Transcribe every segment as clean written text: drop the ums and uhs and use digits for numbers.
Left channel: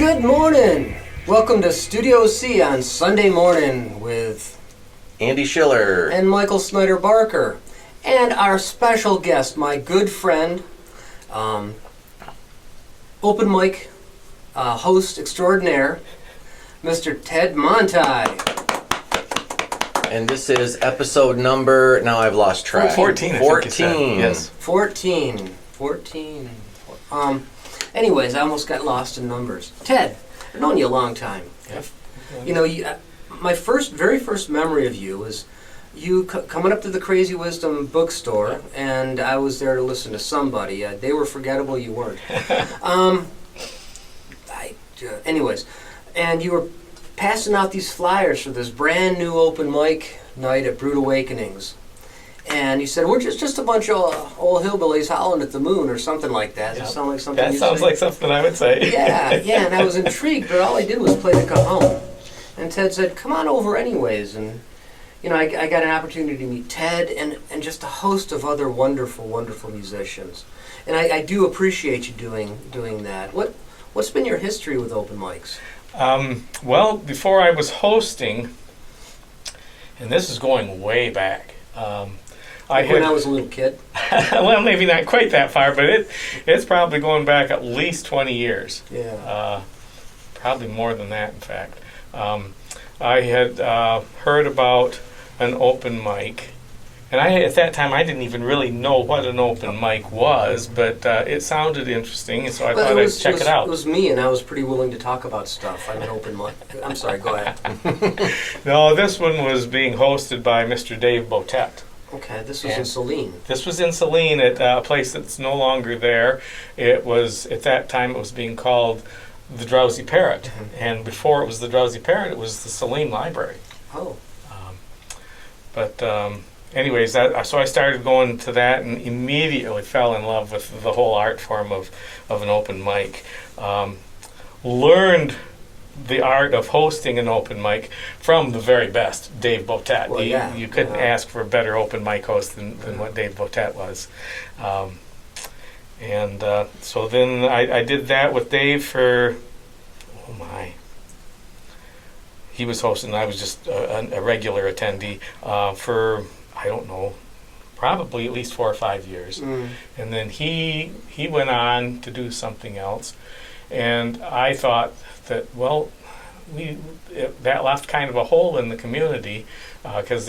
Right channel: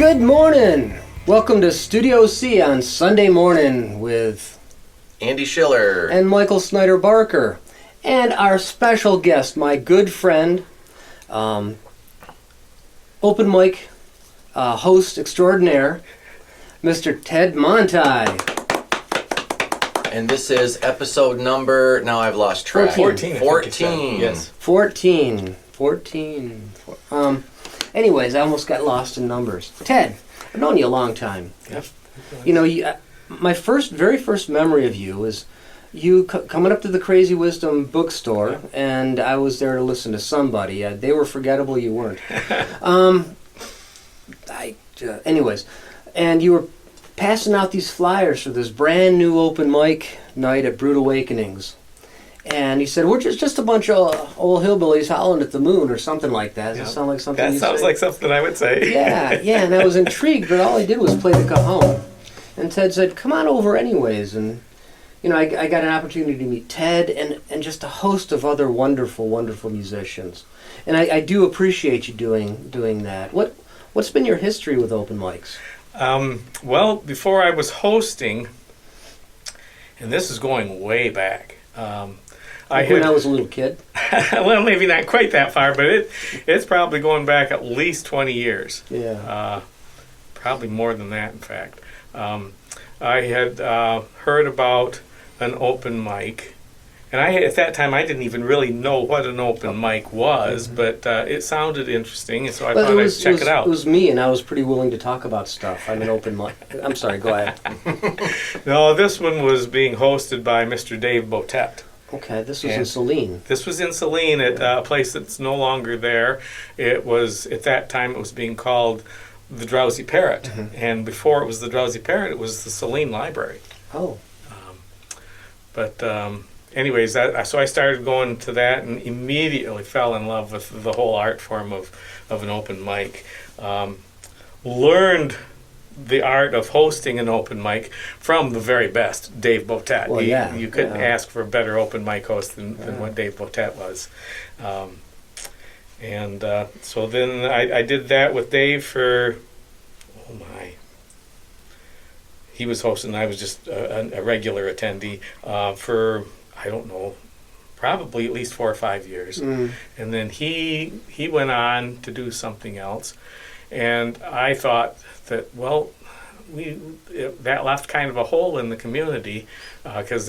Good morning. Welcome to Studio C on Sunday morning with Andy Schiller and Michael Snyder Barker, and our special guest, my good friend, open mic host extraordinaire, Mr. Ted Montie. And this is episode number, now I've lost track. 14. 14. Yes. 14. Anyways, I almost got lost in numbers. Ted, I've known you a long time. Yep. You know, my very first memory of you is you coming up to the Crazy Wisdom bookstore, and I was there to listen to somebody. They were forgettable, you weren't. Anyways, and you were passing out these flyers for this brand new open mic night at Brute Awakenings. And you said, we're just a bunch of old hillbillies howling at the moon or something like that. Does that sound like something That you sounds say? like something I would say. Yeah, and I was intrigued, but all I did was play the cajon. And Ted said, come on over anyways. And, you know, I got an opportunity to meet Ted and just a host of other wonderful, wonderful musicians. And I do appreciate you doing that. What's been your history with open mics? Well, before I was hosting, and this is going way back. When I was a little kid? Well, maybe not quite that far, but it's probably going back at least 20 years. Yeah. Probably more than that, in fact. I had heard about an open mic, and at that time I didn't even really know what an open mic was, but it sounded interesting, and so I thought I'd check it out. It was me, and I was pretty willing to talk about stuff. I'm an open mic. I'm sorry, go ahead. No, this one was being hosted by Mr. Dave Botet. Okay, this was in Saline. This was in Saline at a place that's no longer there. It was, at that time, it was being called the Drowsy Parrot. Mm-hmm. And before it was the Drowsy Parrot, it was the Saline Library. Oh. Anyways, so I started going to that and immediately fell in love with the whole art form of an open mic. Learned the art of hosting an open mic from the very best, Dave Botet. Well, You couldn't ask for a better open mic host than what Dave Botet was. So then I did that with Dave for, he was hosting, I was just a regular attendee for, I don't know, probably at least 4 or 5 years. Mm. And then he went on to do something else. And I thought that, well, that left kind of a hole in the community because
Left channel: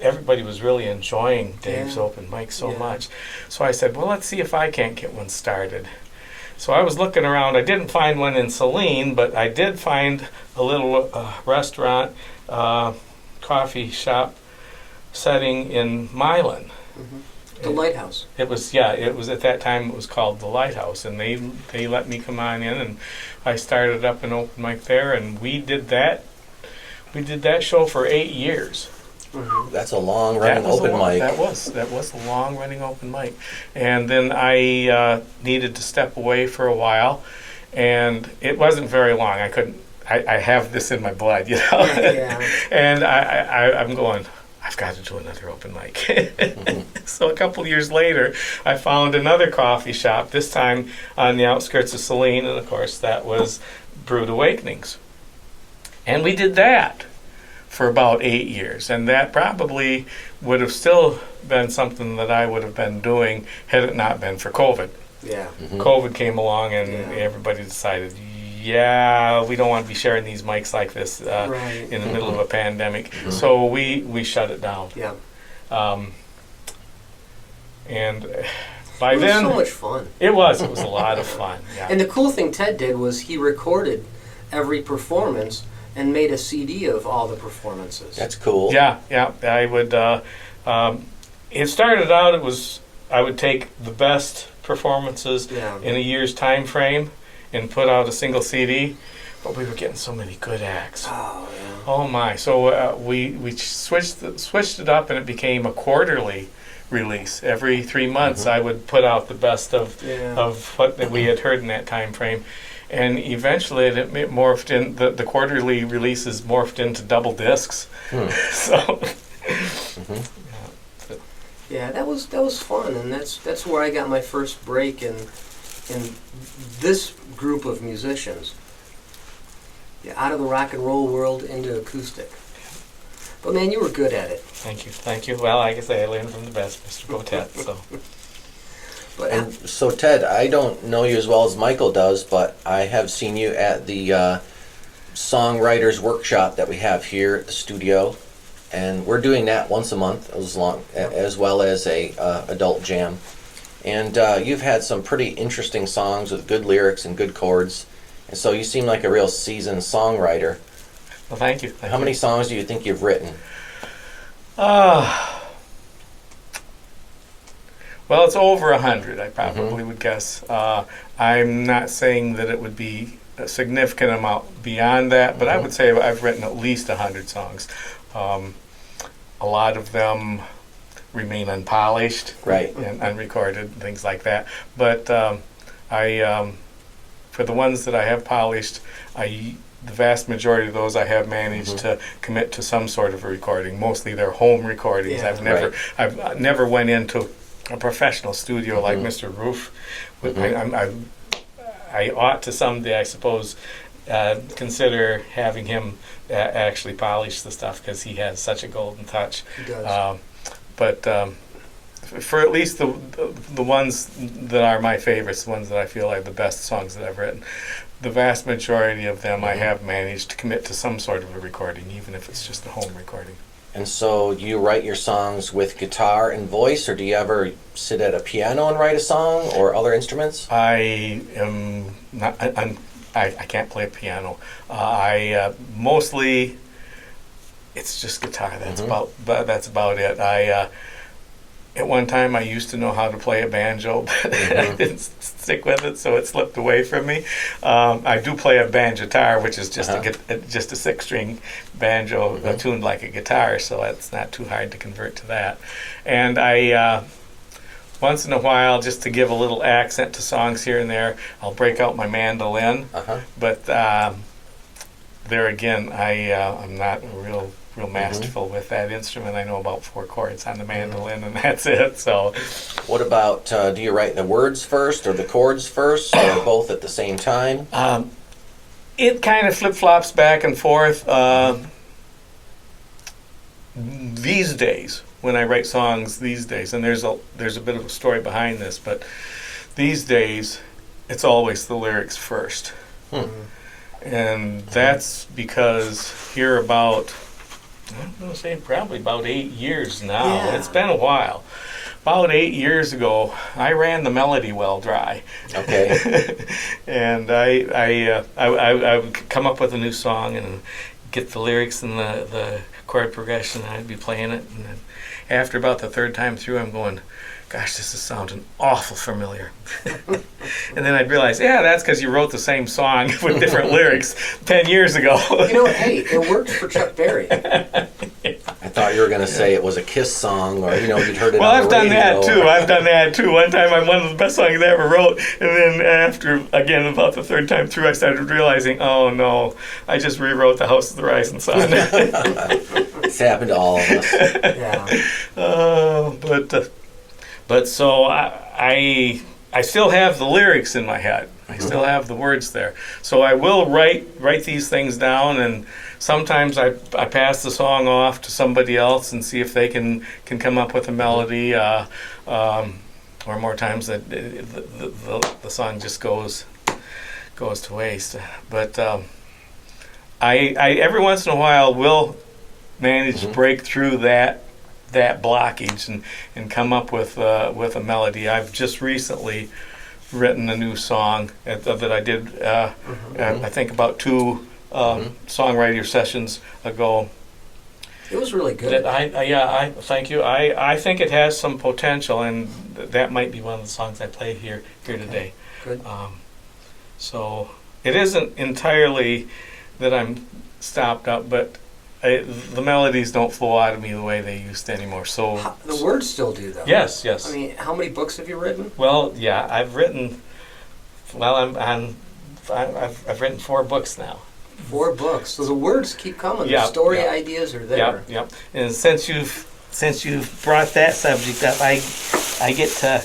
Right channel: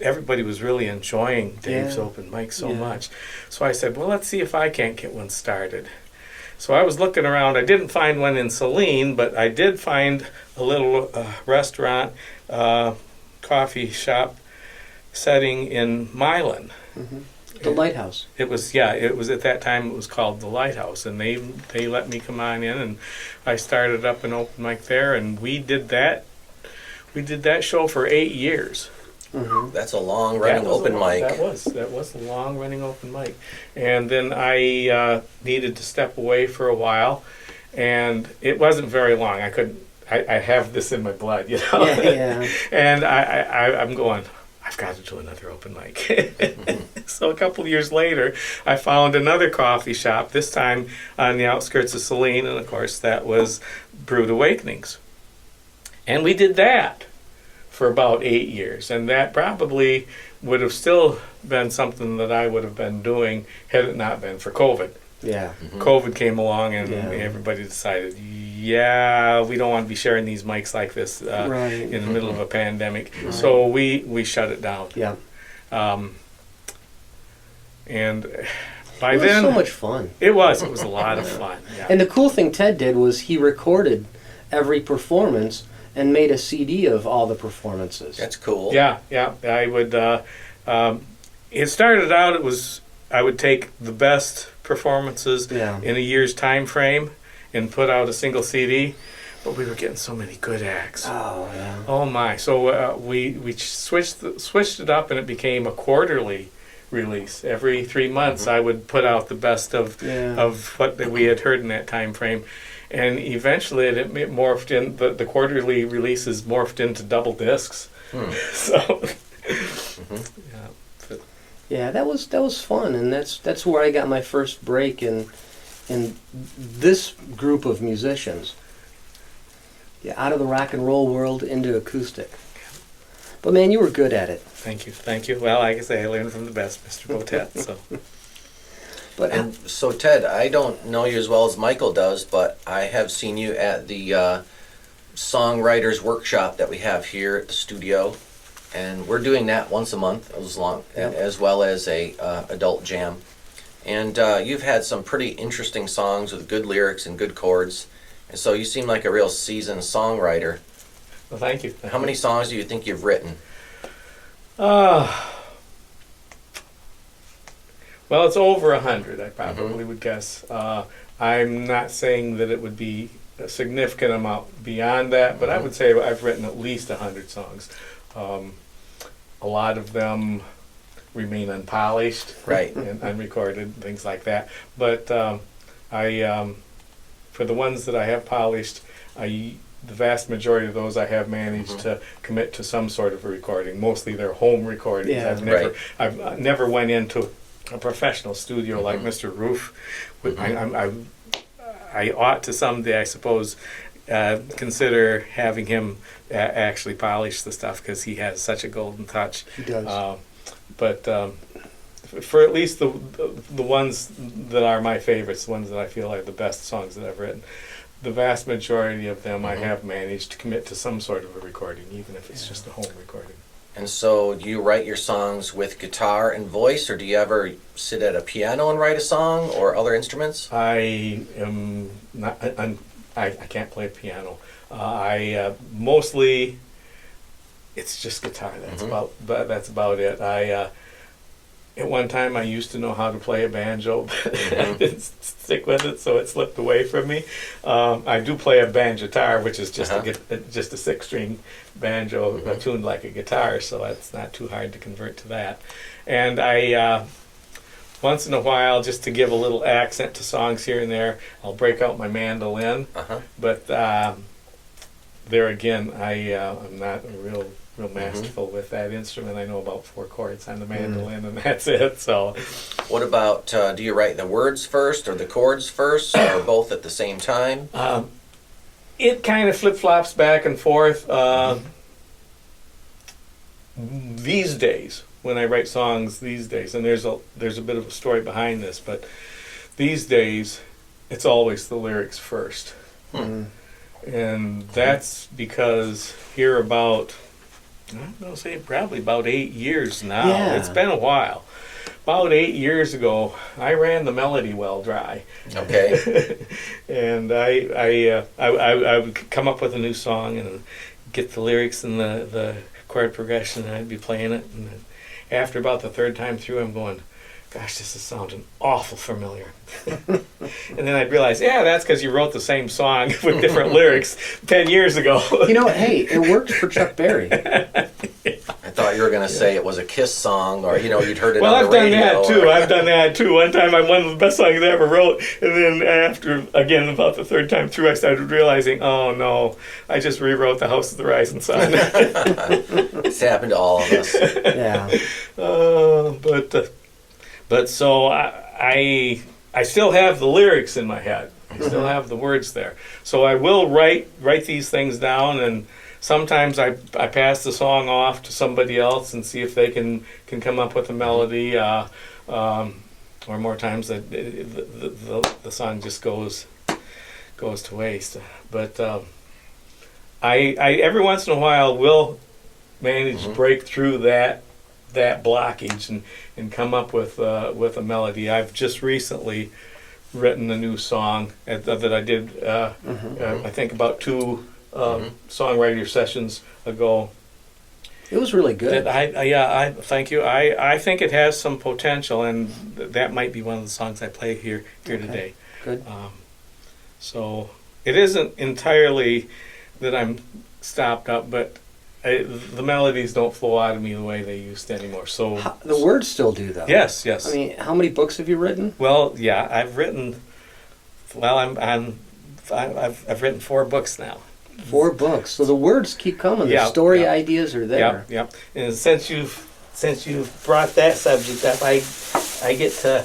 everybody was really enjoying Dave's open mic so much. So I said, well, let's see if I can't get one started. So I was looking around. I didn't find one in Saline, but I did find a little restaurant, coffee shop setting in Milan. Mm-hmm. The Lighthouse. It was at that time it was called the Lighthouse, and they let me come on in, and I started up an open mic there, and we did that show for 8 years. Mm-hmm. That's a long running open mic. That was a long running open mic. And then I needed to step away for a while, and it wasn't very long. I have this in my blood, you know. Yeah. And I'm going, I've got to do another open mic. Mm-hmm. So a couple years later, I found another coffee shop, this time on the outskirts of Saline, and of course that was Brute Awakenings. And we did that for about 8 years, and that probably would have still been something that I would have been doing had it not been for COVID. Yeah. Mm-hmm. COVID came along, and everybody decided, we don't want to be sharing these mics like this in the middle of a pandemic. Mm-hmm. So we shut it down. Yeah. And by then... It was so much fun. It was a lot of fun. Yeah. And the cool thing Ted did was he recorded every performance and made a CD of all the performances. That's cool. Yeah. I would... it started out, I would take the best performances in a year's time frame and put out a single CD, but we were getting so many good acts. Oh, yeah. Oh, my. So we switched it up, and it became a quarterly release. Every 3 months, I would put out the best of what we had heard in that time frame. And eventually it morphed in, the quarterly releases morphed into double discs. So... Yeah, that was fun, and that's where I got my first break in this group of musicians. out of the rock and roll world into acoustic. But man, you were good at it. Thank you, thank you. Well, like I say, I learned from the best, Mr. Botet. So, But And so, Ted, I don't know you as well as Michael does, but I have seen you at the songwriters workshop that we have here at the studio, and we're doing that once a month, as well as a adult jam. And you've had some pretty interesting songs with good lyrics and good chords, and so you seem like a real seasoned songwriter. well, thank you. How many songs do you think you've written? Well, it's over 100, I probably would guess. I'm not saying that it would be a significant amount beyond that, but I would say I've written at least 100 songs. A lot of them remain unpolished, Right. and unrecorded, things like that. But for the ones that I have polished, the vast majority of those I have managed to commit to some sort of a recording. Mostly they're home recordings. Yeah. I've never went into a professional studio like Mr. Roof. I ought to someday, I suppose, consider having him actually polish the stuff, because he has such a golden touch. he does. But for at least the ones that are my favorites, the ones that I feel are the best songs that I've written, the vast majority of them I have managed to commit to some sort of a recording, even if it's just a home recording. And so, do you write your songs with guitar and voice, or do you ever sit at a piano and write a song, or other instruments? I am not. I can't play piano. I mostly it's just guitar. That's about it. At one time I used to know how to play a banjo, but I didn't stick with it, so it slipped away from me. I do play a banjo-tar, which is just just a 6-string banjo tuned like a guitar, so that's not too hard to convert to that. And I once in a while, just to give a little accent to songs here and there, I'll break out my mandolin. But there again, I'm not real masterful with that instrument. I know about 4 chords on the mandolin, and that's it. So, What about, do you write the words first or the chords first, or both at the same time? it kind of flip-flops back and forth. These days, when I write songs these days, and there's a bit of a story behind this, but these days, it's always the lyrics first. And that's because here about, I'm going to say probably about 8 years now. Yeah. It's been a while. About 8 years ago, I ran the melody well dry. Okay. And I would come up with a new song and get the lyrics and the chord progression, and I'd be playing it. And then after about the third time through, I'm going, gosh, this is sounding awful familiar. And then I'd realize, yeah, that's because you wrote the same song with different lyrics 10 years ago. You know, hey, it worked for Chuck Berry. I thought you were going to say it was a Kiss song, or, you'd heard it Well, on I've the done radio. that too. I've done that too. One time, one of the best songs I ever wrote, and then after, again, about the third time through, I started realizing, oh no, I just rewrote The House of the Rising Sun. It's happened to all of us. Yeah. But so I still have the lyrics in my head. I still have the words there. So I will write these things down, and sometimes I pass the song off to somebody else and see if they can come up with a melody. Or more times that the song just goes to waste. But I every once in a while will manage to break through that blockage and come up with a melody. I've just recently written a new song that I did I think about 2 songwriter sessions ago. It was really good. That thank you. I think it has some potential, and that might be one of the songs I play here today. Good. So it isn't entirely that I'm stopped up, but the melodies don't flow out of me the way they used to anymore. So The words still do, though. yes. I mean, how many books have you written? Well, yeah, I've written. Well, I've written 4 books now. 4 books. So the words keep coming. Yeah, The story yeah. ideas are there. Yep. And since you've brought that subject up, I get to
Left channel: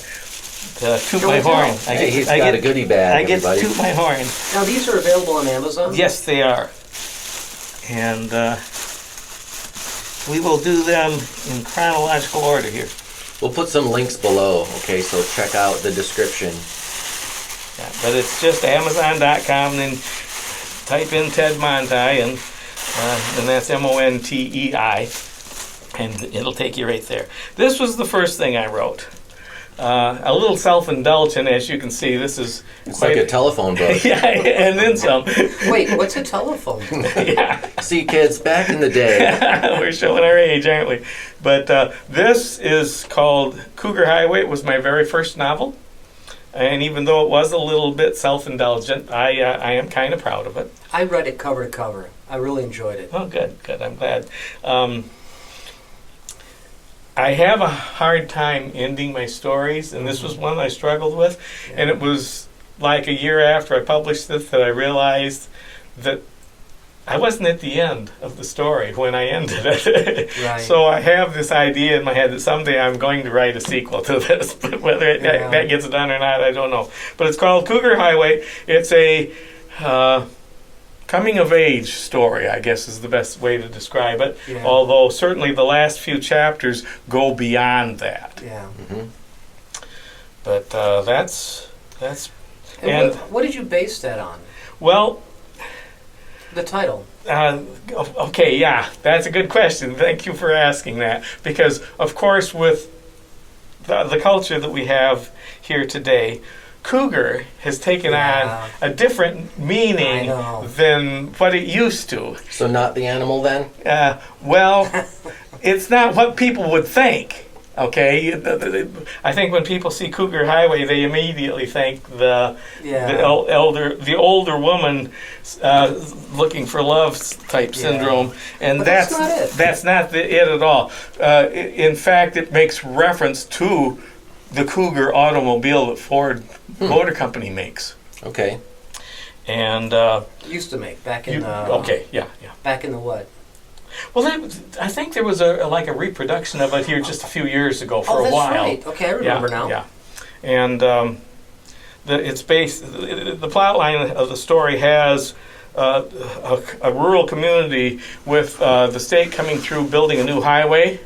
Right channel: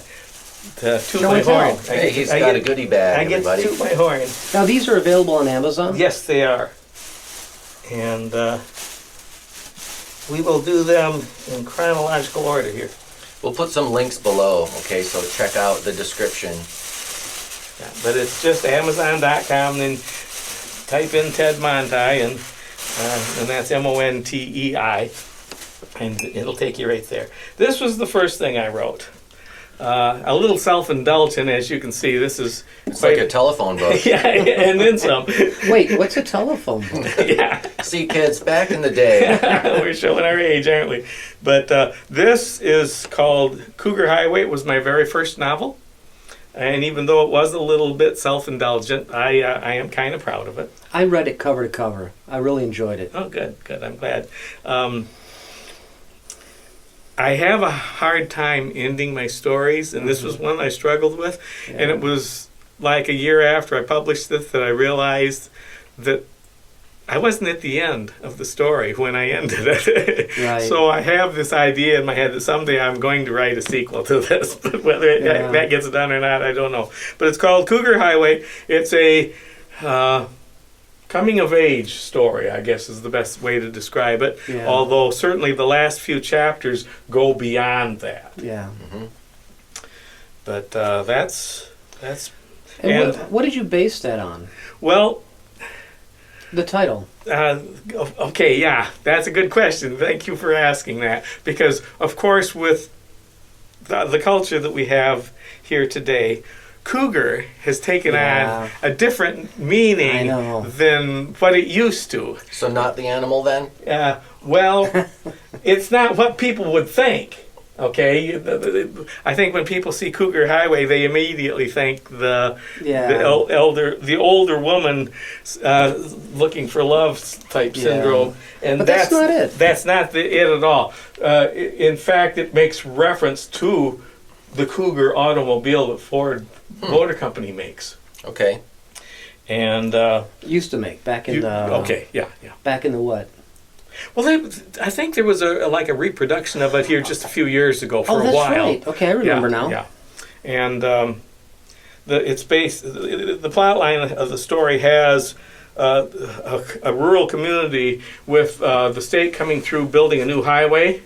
toot my horn. Hey, he's got a goodie bag. I get to everybody. toot my horn. Now, these are available on Amazon? Yes, they are. And we will do them in chronological order here. We'll put some links below, okay, so check out the description. Yeah, but it's just Amazon.com, and then type in Ted Montie, and that's Montei, and it'll take you right there. This was the first thing I wrote. A little self-indulgent, as you can see. This is It's like a telephone book. yeah, and then some. Wait, what's a telephone? Yeah. See, kids, back in the day. We're showing our age, aren't we? But this is called Cougar Highway. It was my very first novel. And even though it was a little bit self-indulgent, I am kind of proud of it. I read it cover to cover. I really enjoyed it. Oh, good. I'm glad. I have a hard time ending my stories, and this was one I struggled with. Yeah. And it was like a year after I published this that I realized that I wasn't at the end of the story when I ended it. Right. So I have this idea in my head that someday I'm going to write a sequel to this. But whether that gets done or not, I don't know. But it's called Cougar Highway. It's a coming of age story, I guess is the best way to describe it. Yeah. Although certainly the last few chapters go beyond that. Yeah. Mhm. But that's And what did you base that on? well. The title. Okay, yeah, that's a good question. Thank you for asking that. Because, of course, with the culture that we have here today, cougar has taken Yeah. on a different meaning I know. than what it used to. So not the animal then? Well, it's not what people would think. Okay, I think when people see Cougar Highway, they immediately think the older woman looking for love type Yeah. syndrome, and But that's not it. That's not it at all. In fact, it makes reference to the Cougar automobile that Ford Motor Company makes, Okay. and Used to make back in the okay, yeah. back in the what? Well, I think there was a reproduction of it here just a few years ago for Oh, a that's while. right. Okay, I remember now. Yeah, and it's based. The plot line of the story has a rural community with the state coming through building a new highway,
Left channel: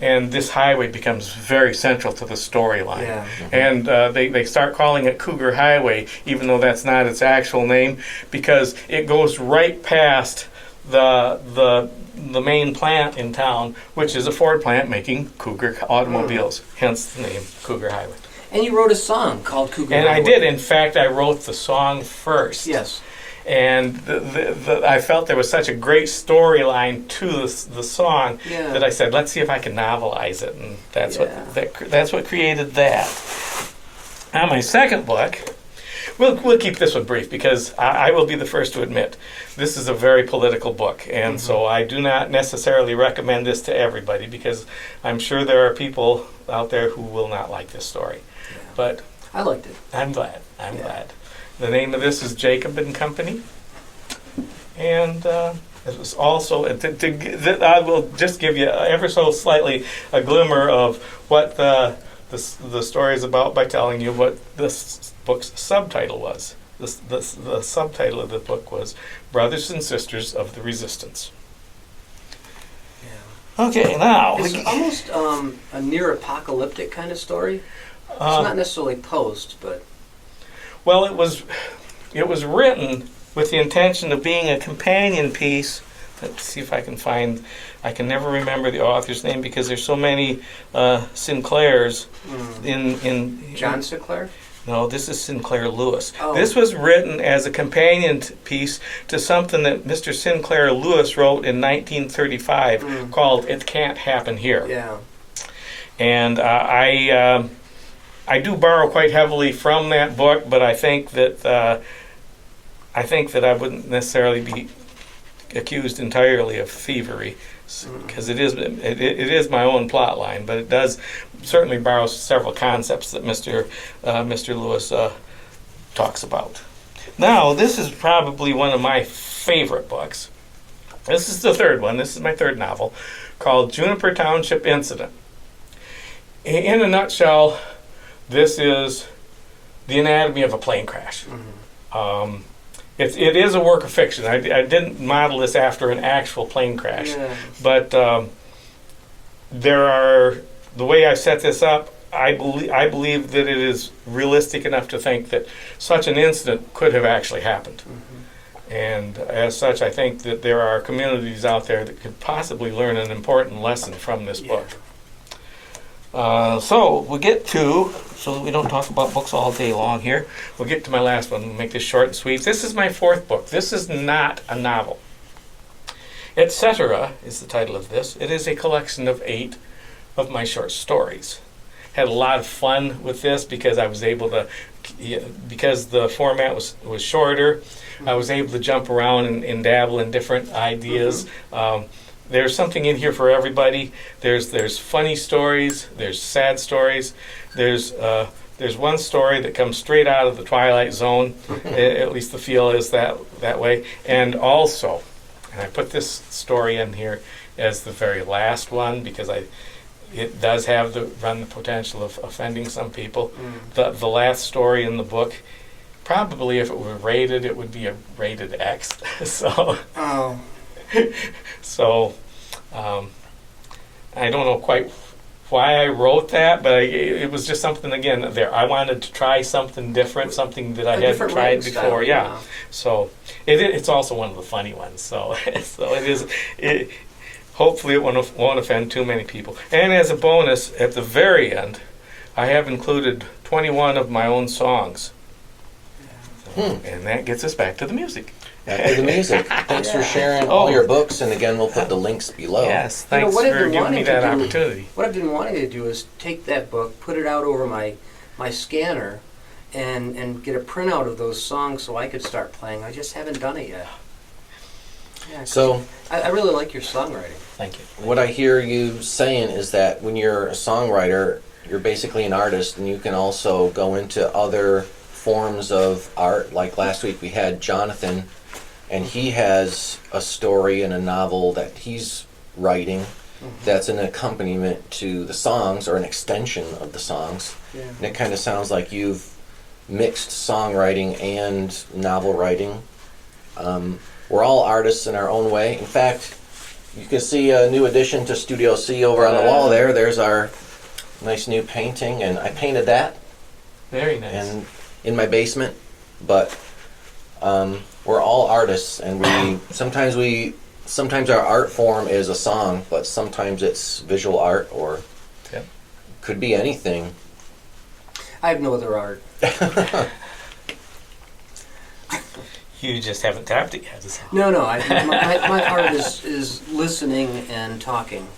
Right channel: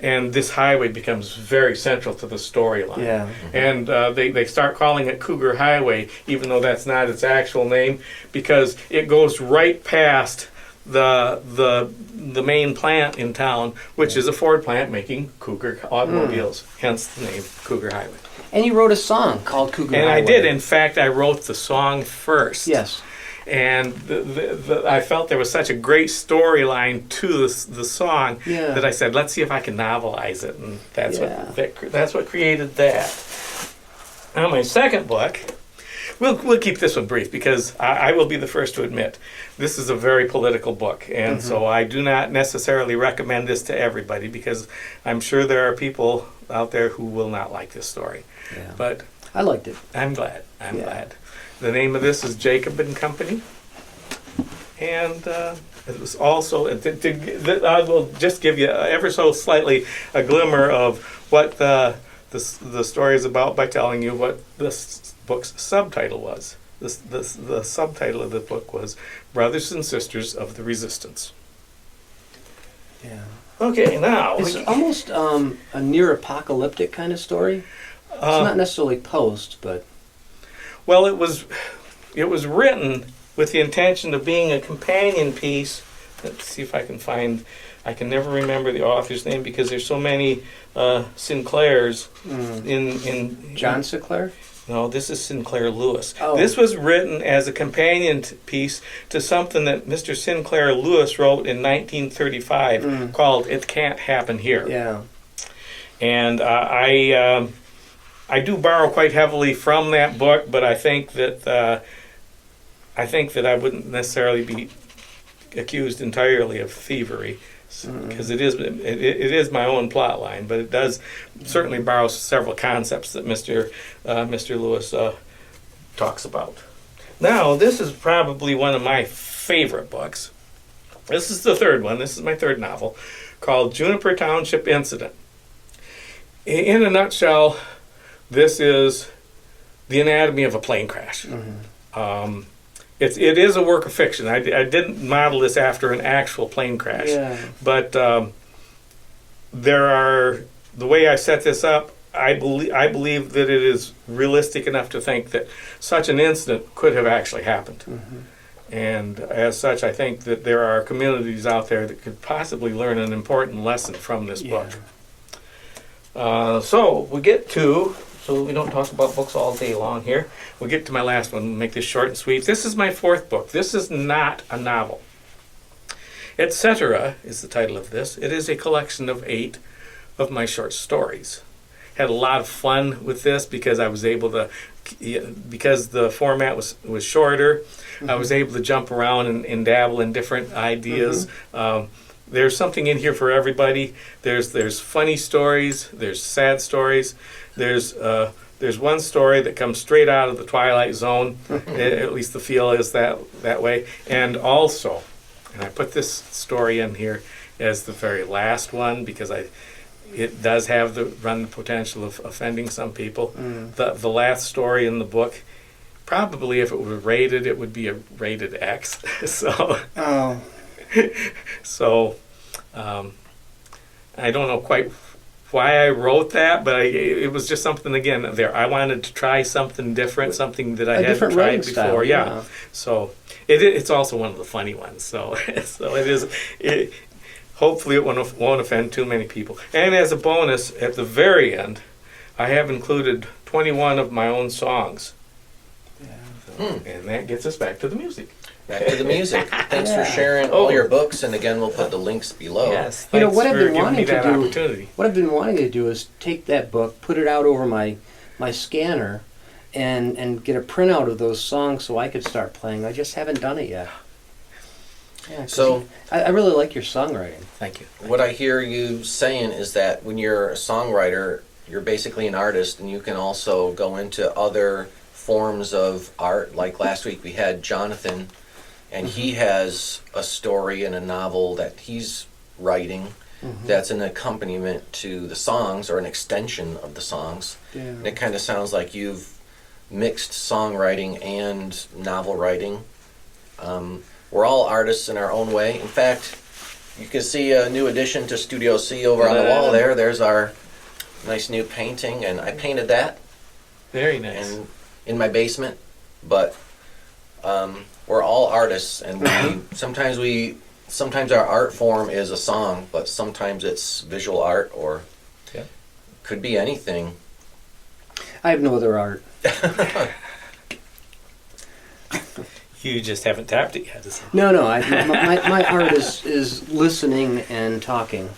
and this highway becomes very central to the storyline. Yeah. And they start calling it Cougar Highway, even though that's not its actual name, because it goes right past the main plant in town, which is a Ford plant making Cougar automobiles, hence the name Cougar Highway. And you wrote a song called Cougar And Highway. I did. In fact, I wrote the song first. Yes. And I felt there was such a great storyline to the song Yeah. that I said, let's see if I can novelize it. And that's what created that. Now, my second book, we'll keep this one brief because I will be the first to admit this is a very political book, and so I do not necessarily recommend this to everybody because I'm sure there are people out there who will not like this story. Yeah. But I liked it. I'm glad. I'm glad. The name of this is Jacob and Company, and it was also I will just give you ever so slightly a glimmer of what the story is about by telling you what this book's subtitle was. The subtitle of the book was Brothers and Sisters of the Resistance. Yeah. Okay, now It's almost a near apocalyptic kind of story. It's not necessarily post, but well, it was written with the intention of being a companion piece. Let's see if I can find. I can never remember the author's name because there's so many Sinclairs in John Sinclair? No, this is Sinclair Lewis. Oh. This was written as a companion piece to something that Mr. Sinclair Lewis wrote in 1935 called "It Can't Happen Here." Yeah. And I do borrow quite heavily from that book, but I think that I wouldn't necessarily be accused entirely of thievery, because it is my own plot line, but it does certainly borrow several concepts that Mr. Lewis talks about. Now, this is probably one of my favorite books. This is the third one. This is my third novel, called Juniper Township Incident. In a nutshell, this is the anatomy of a plane crash. it is a work of fiction. I didn't model this after an actual plane crash, Yeah. but there are, the way I set this up, I believe that it is realistic enough to think that such an incident could have actually happened. And as such, I think that there are communities out there that could possibly learn an important lesson from this book. So we'll get to, so that we don't talk about books all day long here, we'll get to my last one. We'll make this short and sweet. This is my fourth book. This is not a novel. Etc. is the title of this. It is a collection of 8 of my short stories. Had a lot of fun with this because I was able to, because the format was shorter, I was able to jump around and dabble in different ideas. There's something in here for everybody. There's funny stories, there's sad stories, there's one story that comes straight out of the Twilight Zone, at least the feel is that way, and also, and I put this story in here as the very last one because it does have the potential of offending some people. The last story in the book, probably if it were rated, it would be a rated X. So, I don't know quite why I wrote that, but it was just something, again, there. I wanted to try something different, something that I hadn't tried before. Style, yeah. So it's also one of the funny ones. So so it is. Hopefully it won't offend too many people. And as a bonus, at the very end, I have included 21 of my own songs. And that gets us back to the music. Back to the music. Thanks for sharing all your books, and again, we'll put the links below. Yes, thanks what I've for been giving wanting me that to do, opportunity. What I've been wanting to do is take that book, put it out over my scanner, and get a printout of those songs so I could start playing. I just haven't done it yet. Yeah, So I really like your songwriting. Thank you. what I hear you saying is that when you're a songwriter, you're basically an artist, and you can also go into other forms of art. Like last week we had Jonathan, and he has a story and a novel that he's writing that's an accompaniment to the songs, or an extension of the songs. Yeah. And it kind of sounds like you've mixed songwriting and novel writing. We're all artists in our own way. In fact, you can see a new addition to Studio C over on the wall there. There's our nice new painting, and I painted that Very nice. and in my basement. But we're all artists, and sometimes our art form is a song, but sometimes it's visual art, or could be anything. I have no other art. You just haven't tapped it yet. No. My art is listening and talking.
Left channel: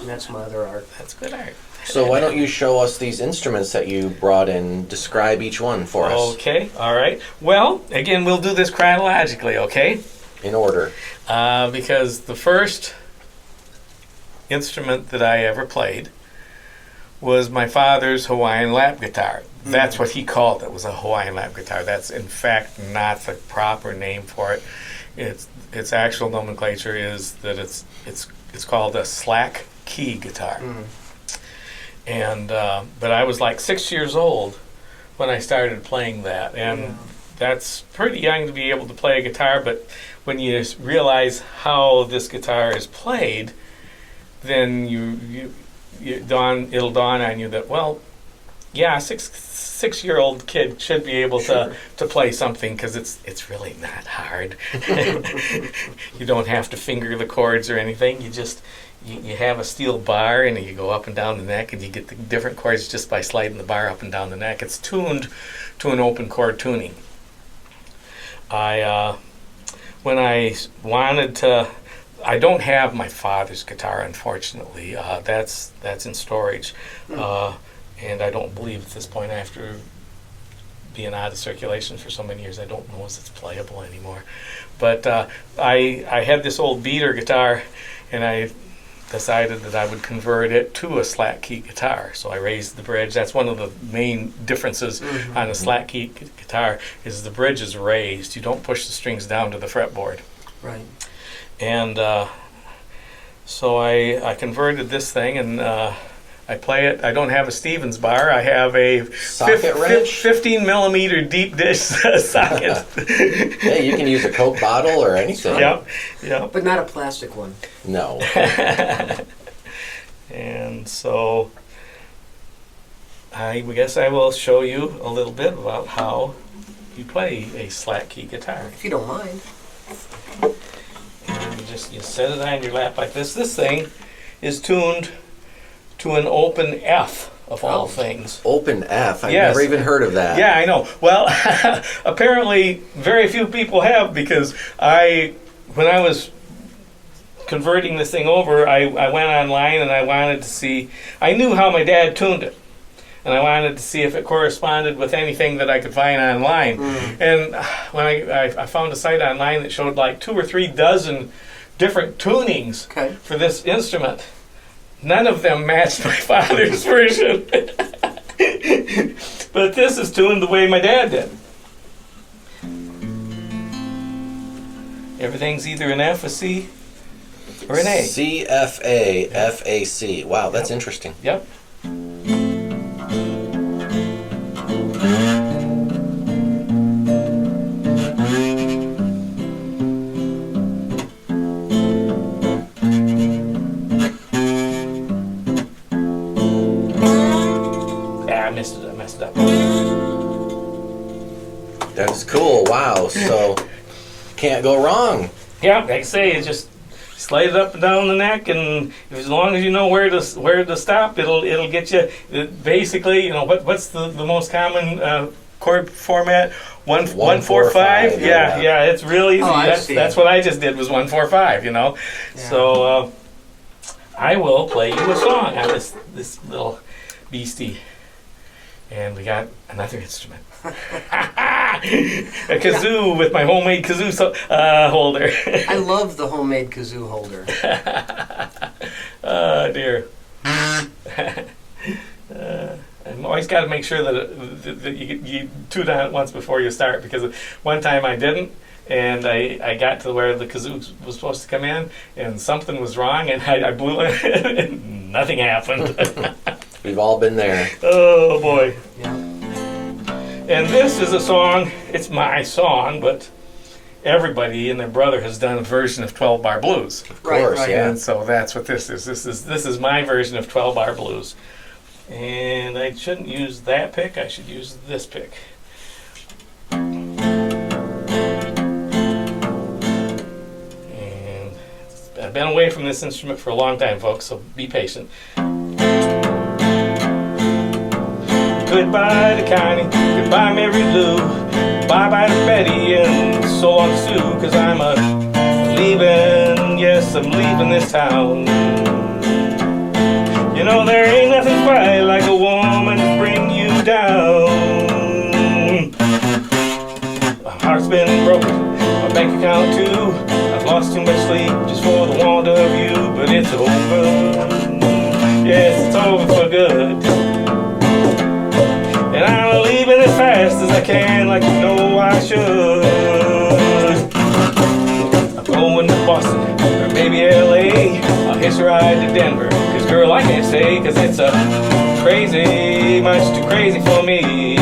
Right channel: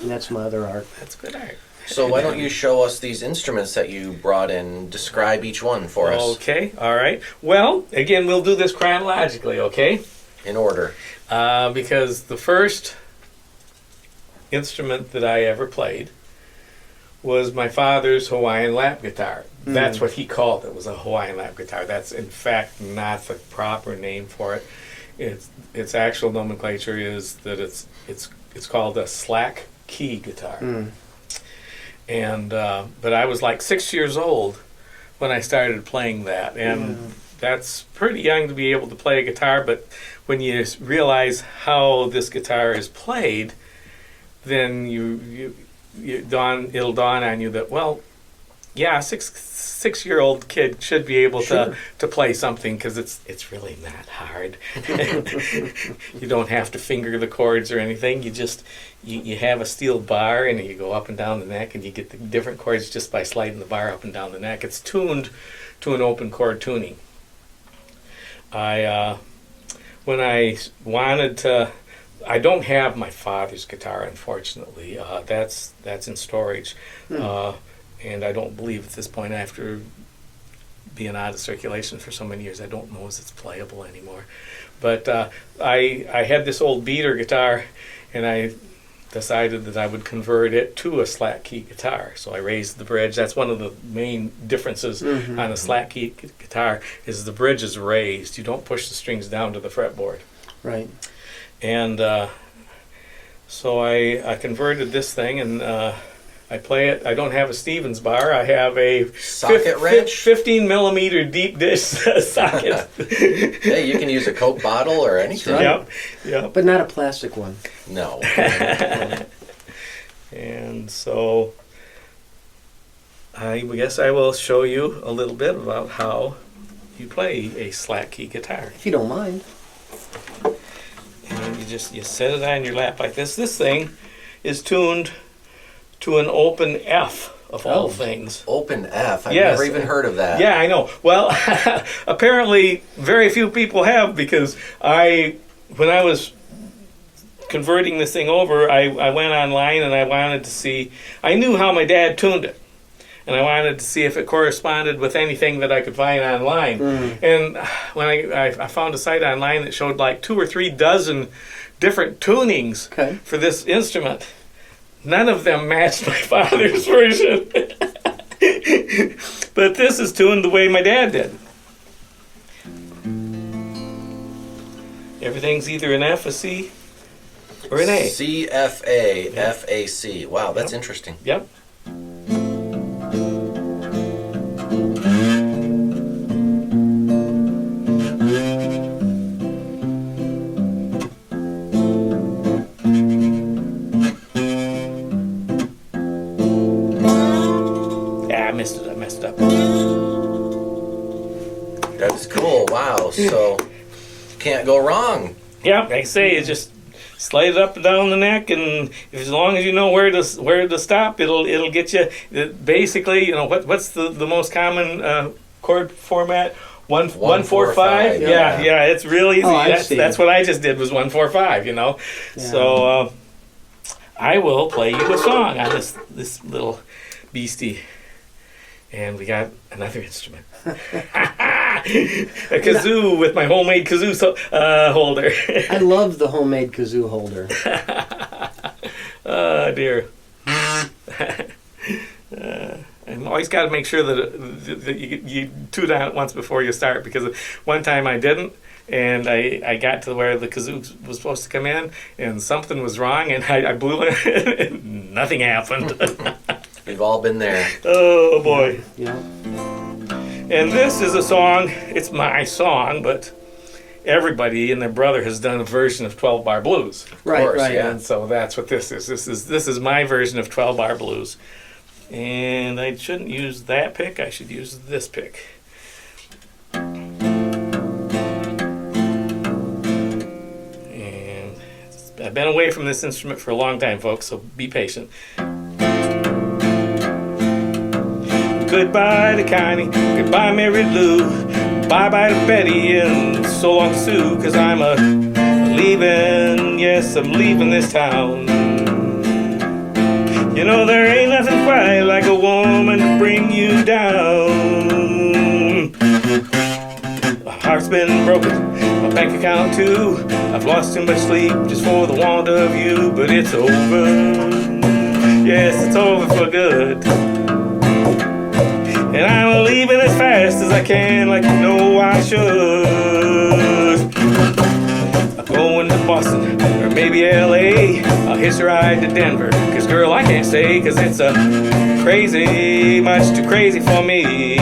And that's my other art. That's good art. So why don't you show us these instruments that you brought in, describe each one for us Okay, all right. Well, again, we'll do this chronologically, okay? in order. Because the first instrument that I ever played was my father's Hawaiian lap guitar. That's what he called it, was a Hawaiian lap guitar. That's in fact not the proper name for it. Its actual nomenclature is that it's called a slack key guitar. And but I was like 6 years old when I started playing that, and that's pretty young to be able to play a guitar. But when you realize how this guitar is played, then it'll dawn on you that, well, yeah, six-year-old kid should be able to play something, because it's really not hard. You don't have to finger the chords or anything. You just you have a steel bar, and you go up and down the neck, and you get the different chords just by sliding the bar up and down the neck. It's tuned to an open chord tuning. When I wanted to, I don't have my father's guitar, unfortunately. That's in storage. And I don't believe at this point, after being out of circulation for so many years, I don't know if it's playable anymore. But I had this old beater guitar, and I decided that I would convert it to a slack key guitar. So I raised the bridge. That's one of the main differences on a slack key guitar, is the bridge is raised. You don't push the strings down to the fretboard. Right. And so I converted this thing, and I play it. I don't have a Stevens bar. I have a Socket wrench? 15 millimeter deep dish socket. Hey, you can use a Coke bottle or anything. Yep. But not a plastic one. No. And so I guess I will show you a little bit about how you play a slack key guitar. If you don't mind. And you set it on your lap like this. This thing is tuned to an open F of all things. Open F. I've Yes. never even heard of that. Yeah, I know. Well, apparently very few people have, because when I was converting this thing over, I went online and I wanted to see, I knew how my dad tuned it. And I wanted to see if it corresponded with anything that I could find online. And when I found a site online that showed like 2 or 3 dozen different tunings for this instrument, none of them matched my father's version. But this is tuned the way my dad did. Everything's either an F, a C, or an A. C, F, A, F, A, C. Wow, that's interesting. Yep. I messed it up. That's cool. Wow. So can't go wrong. Yeah, like I say, it's just slide it up and down the neck, and as long as you know where to stop, it'll get you. Basically, you know what's the most common chord format? 1-4-5. Yeah. It's really easy. That's what I just did was 1-4-5. You know, so I will play you a song on this little beastie, and we got another instrument. A kazoo with my homemade kazoo holder. I love the homemade kazoo holder. Oh dear. I've always got to make sure that you tune on it once before you start, because one time I didn't, and I got to where the kazoo was supposed to come in, and something was wrong, and I blew it, and nothing happened. We've all been there. Oh boy. Yeah. And this is a song, it's my song, but everybody and their brother has done a version of 12-bar blues. Of course, right. yeah. And so that's what this is. This is my version of 12-bar blues. And I shouldn't use that pick, I should use this pick. And I've been away from this instrument for a long time, folks, so be patient. Goodbye to Connie, goodbye Mary Lou, bye-bye to Betty, and so long to Sue, 'cause I'm leaving, yes, I'm leaving this town. You know, there ain't nothing quite like a woman to bring you down. My heart's been broken, my bank account too, I've lost too much sleep just for the want of you, but it's over, yes, it's over for good. And I'm leaving as fast as I can, like you know I should. I'm going to Boston, or maybe LA. I'll hitch a ride to Denver, 'cause girl, I can't stay, 'cause it's crazy, much too crazy for me.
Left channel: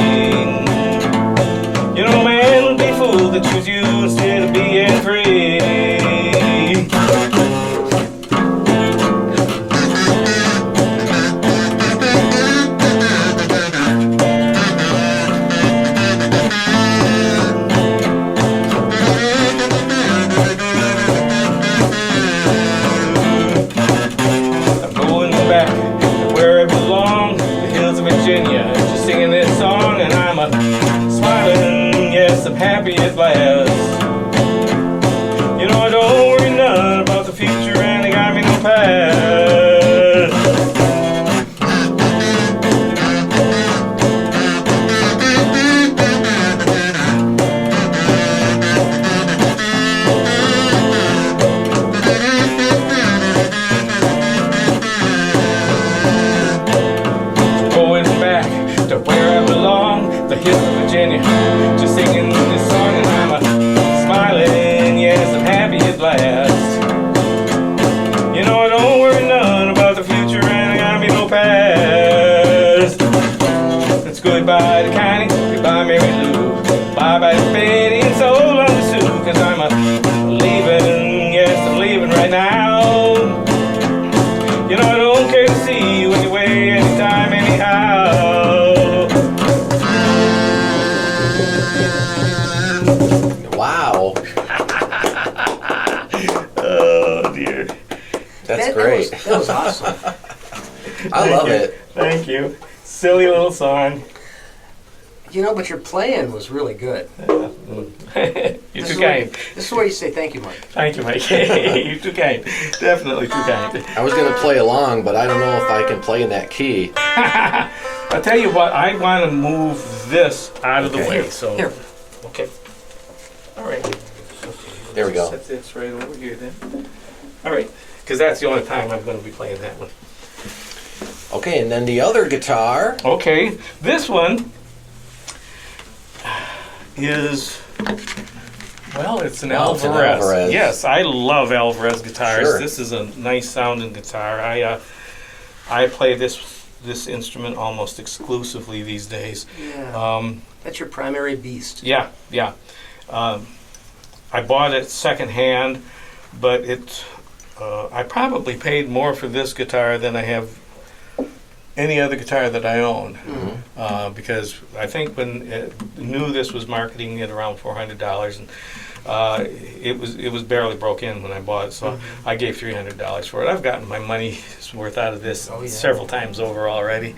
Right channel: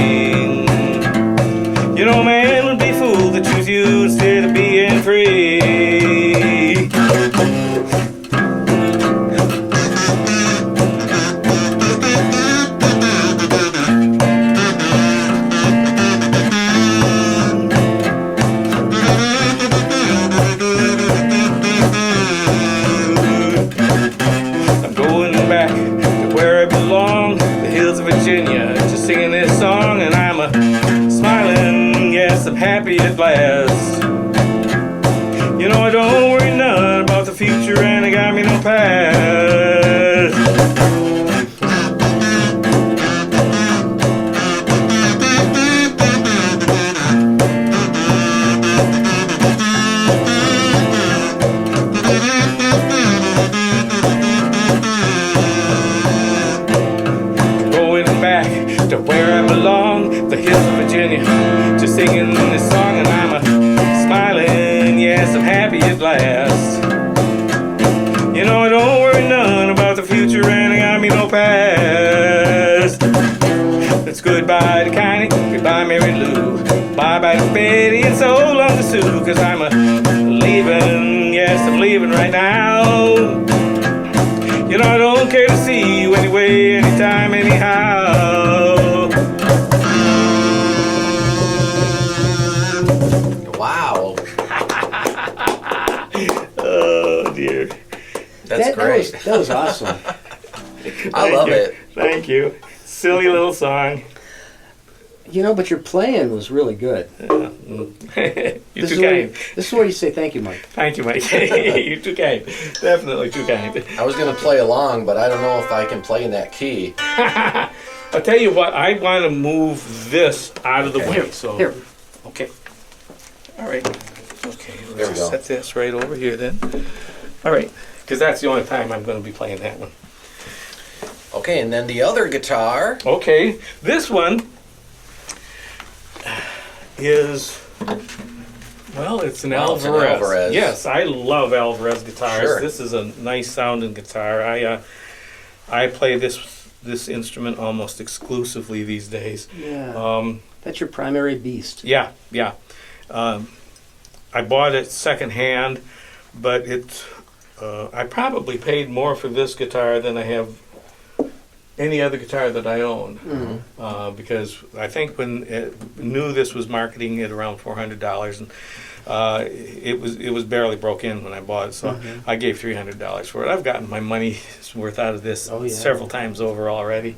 You know, man would be fooled to choose you instead of being free. Virginia, just singing this song, and I'm Bye bye, Benny, and so long to Sue, 'cause I'm a leaving, yes, I'm leaving right now. You know I don't care to see you anyway, anytime, anyhow. Wow. Oh dear. That's great. That was awesome. I love it. Thank you. Silly little song. You know, but your playing was really good. You're too kind. This is where you say thank you, Mike. Thank you, Mike. You're too kind. Definitely too kind. I was going to play along, but I don't know if I can play in that key. I'll tell you what, I want to move this out of the way. So, Here. okay. All right. Okay. There we go. Set this right over here then. All right. Because that's the only time I'm going to be playing that one. Okay, and then the other guitar. Okay. This one is, well, it's an Oh, it's an Alvarez. Alvarez. Yes, I love Alvarez guitars. Sure. This is a nice sounding guitar. I play this instrument almost exclusively these days. Yeah. That's your primary beast. Yeah, yeah. I bought it secondhand, but I probably paid more for this guitar than I have any other guitar that I own. Mm-hmm. Because I think when knew this was marketing at around $400, and it was barely broke in when I bought it, so Mm-hmm. I gave $300 for it. I've gotten my money's worth out of this Oh, yeah. several times over already.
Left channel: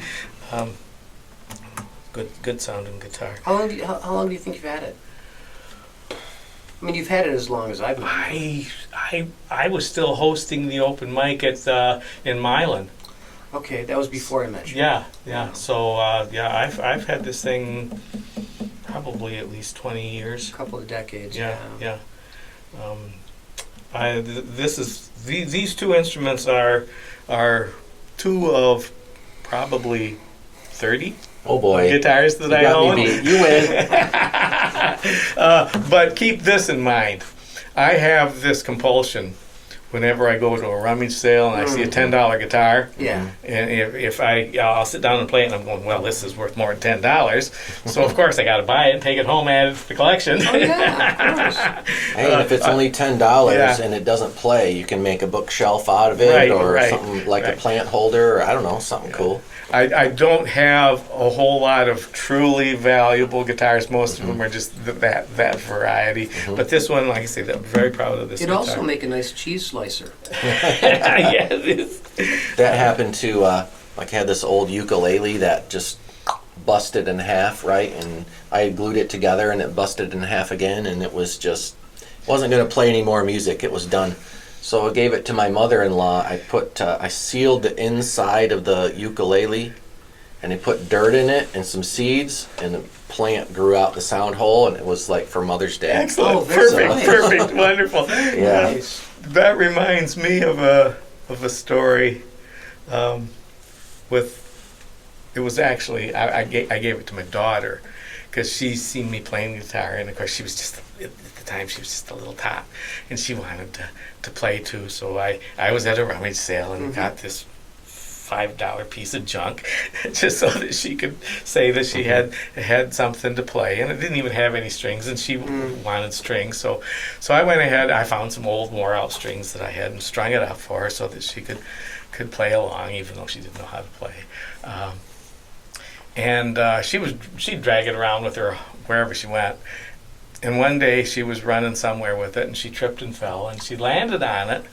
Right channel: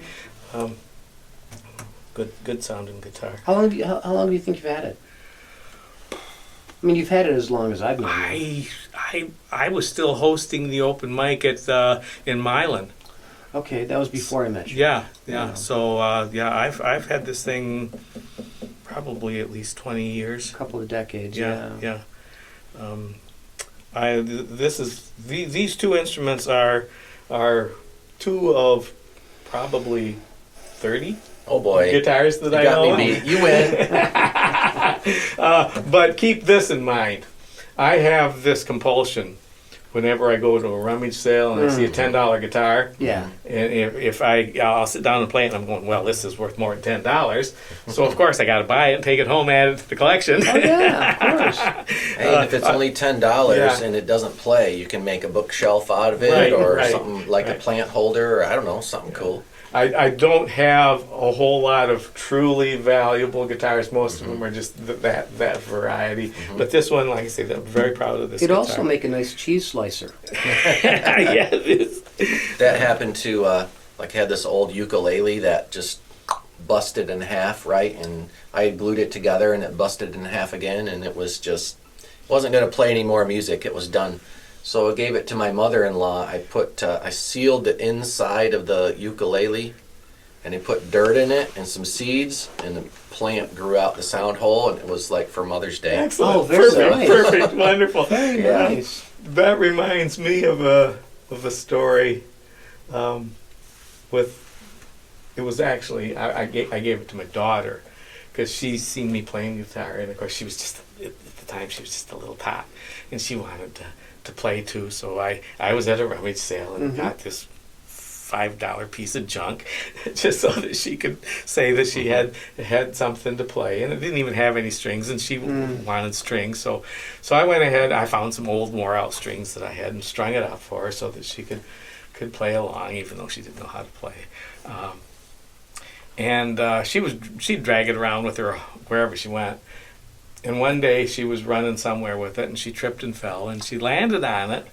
Good sounding guitar. How long do you think you've had it? I mean, you've had it as long as I've known you. I was still hosting the open mic at in Milan. Okay, that was before I met you. Yeah. Yeah. So I've had this thing probably at least 20 years. A couple of decades. Yeah. These two instruments are two of probably 30 Oh boy. guitars that I got own. me beat. You win. But keep this in mind. I have this compulsion whenever I go to a rummage sale and I see a $10 guitar, Yeah. and if I'll sit down and play it, and I'm going, well, this is worth more than $10. So of course I got to buy it, take it home, add it to the collection. Oh yeah, of course. Hey, and if it's only $10 Yeah. and it doesn't play, you can make a bookshelf out of it, Right, or right, something like right. a plant holder, or I don't know, something cool. I don't have a whole lot of truly valuable guitars. Most of them are just that variety. But this one, like I said, I'm very proud of this It'd guitar. also make a nice cheese slicer. Yeah, it is. That happened to, like, I had this old ukulele that just busted in half, right? And I glued it together and it busted in half again, and it was just, wasn't going to play any more music. It was done. So I gave it to my mother-in-law. I sealed the inside of the ukulele, and I put dirt in it and some seeds, and a plant grew out the sound hole, and it was like for Mother's Day. Excellent. Oh, very Perfect. nice. Perfect. Wonderful. Very Yeah. nice. That reminds me of a story with. It was actually I gave it to my daughter because she's seen me playing guitar, and of course she was just at the time she was just a little tot, and she wanted to play too. So I was at a rummage sale and got this $5 piece of junk just so that she could say that she had something to play, and it didn't even have any strings, and she wanted strings. So I went ahead. I found some old wore out strings that I had and strung it out for her so that she could play along, even though she didn't know how to play. She'd drag it around with her wherever she went. And one day she was running somewhere with it, and she tripped and fell, and she landed on it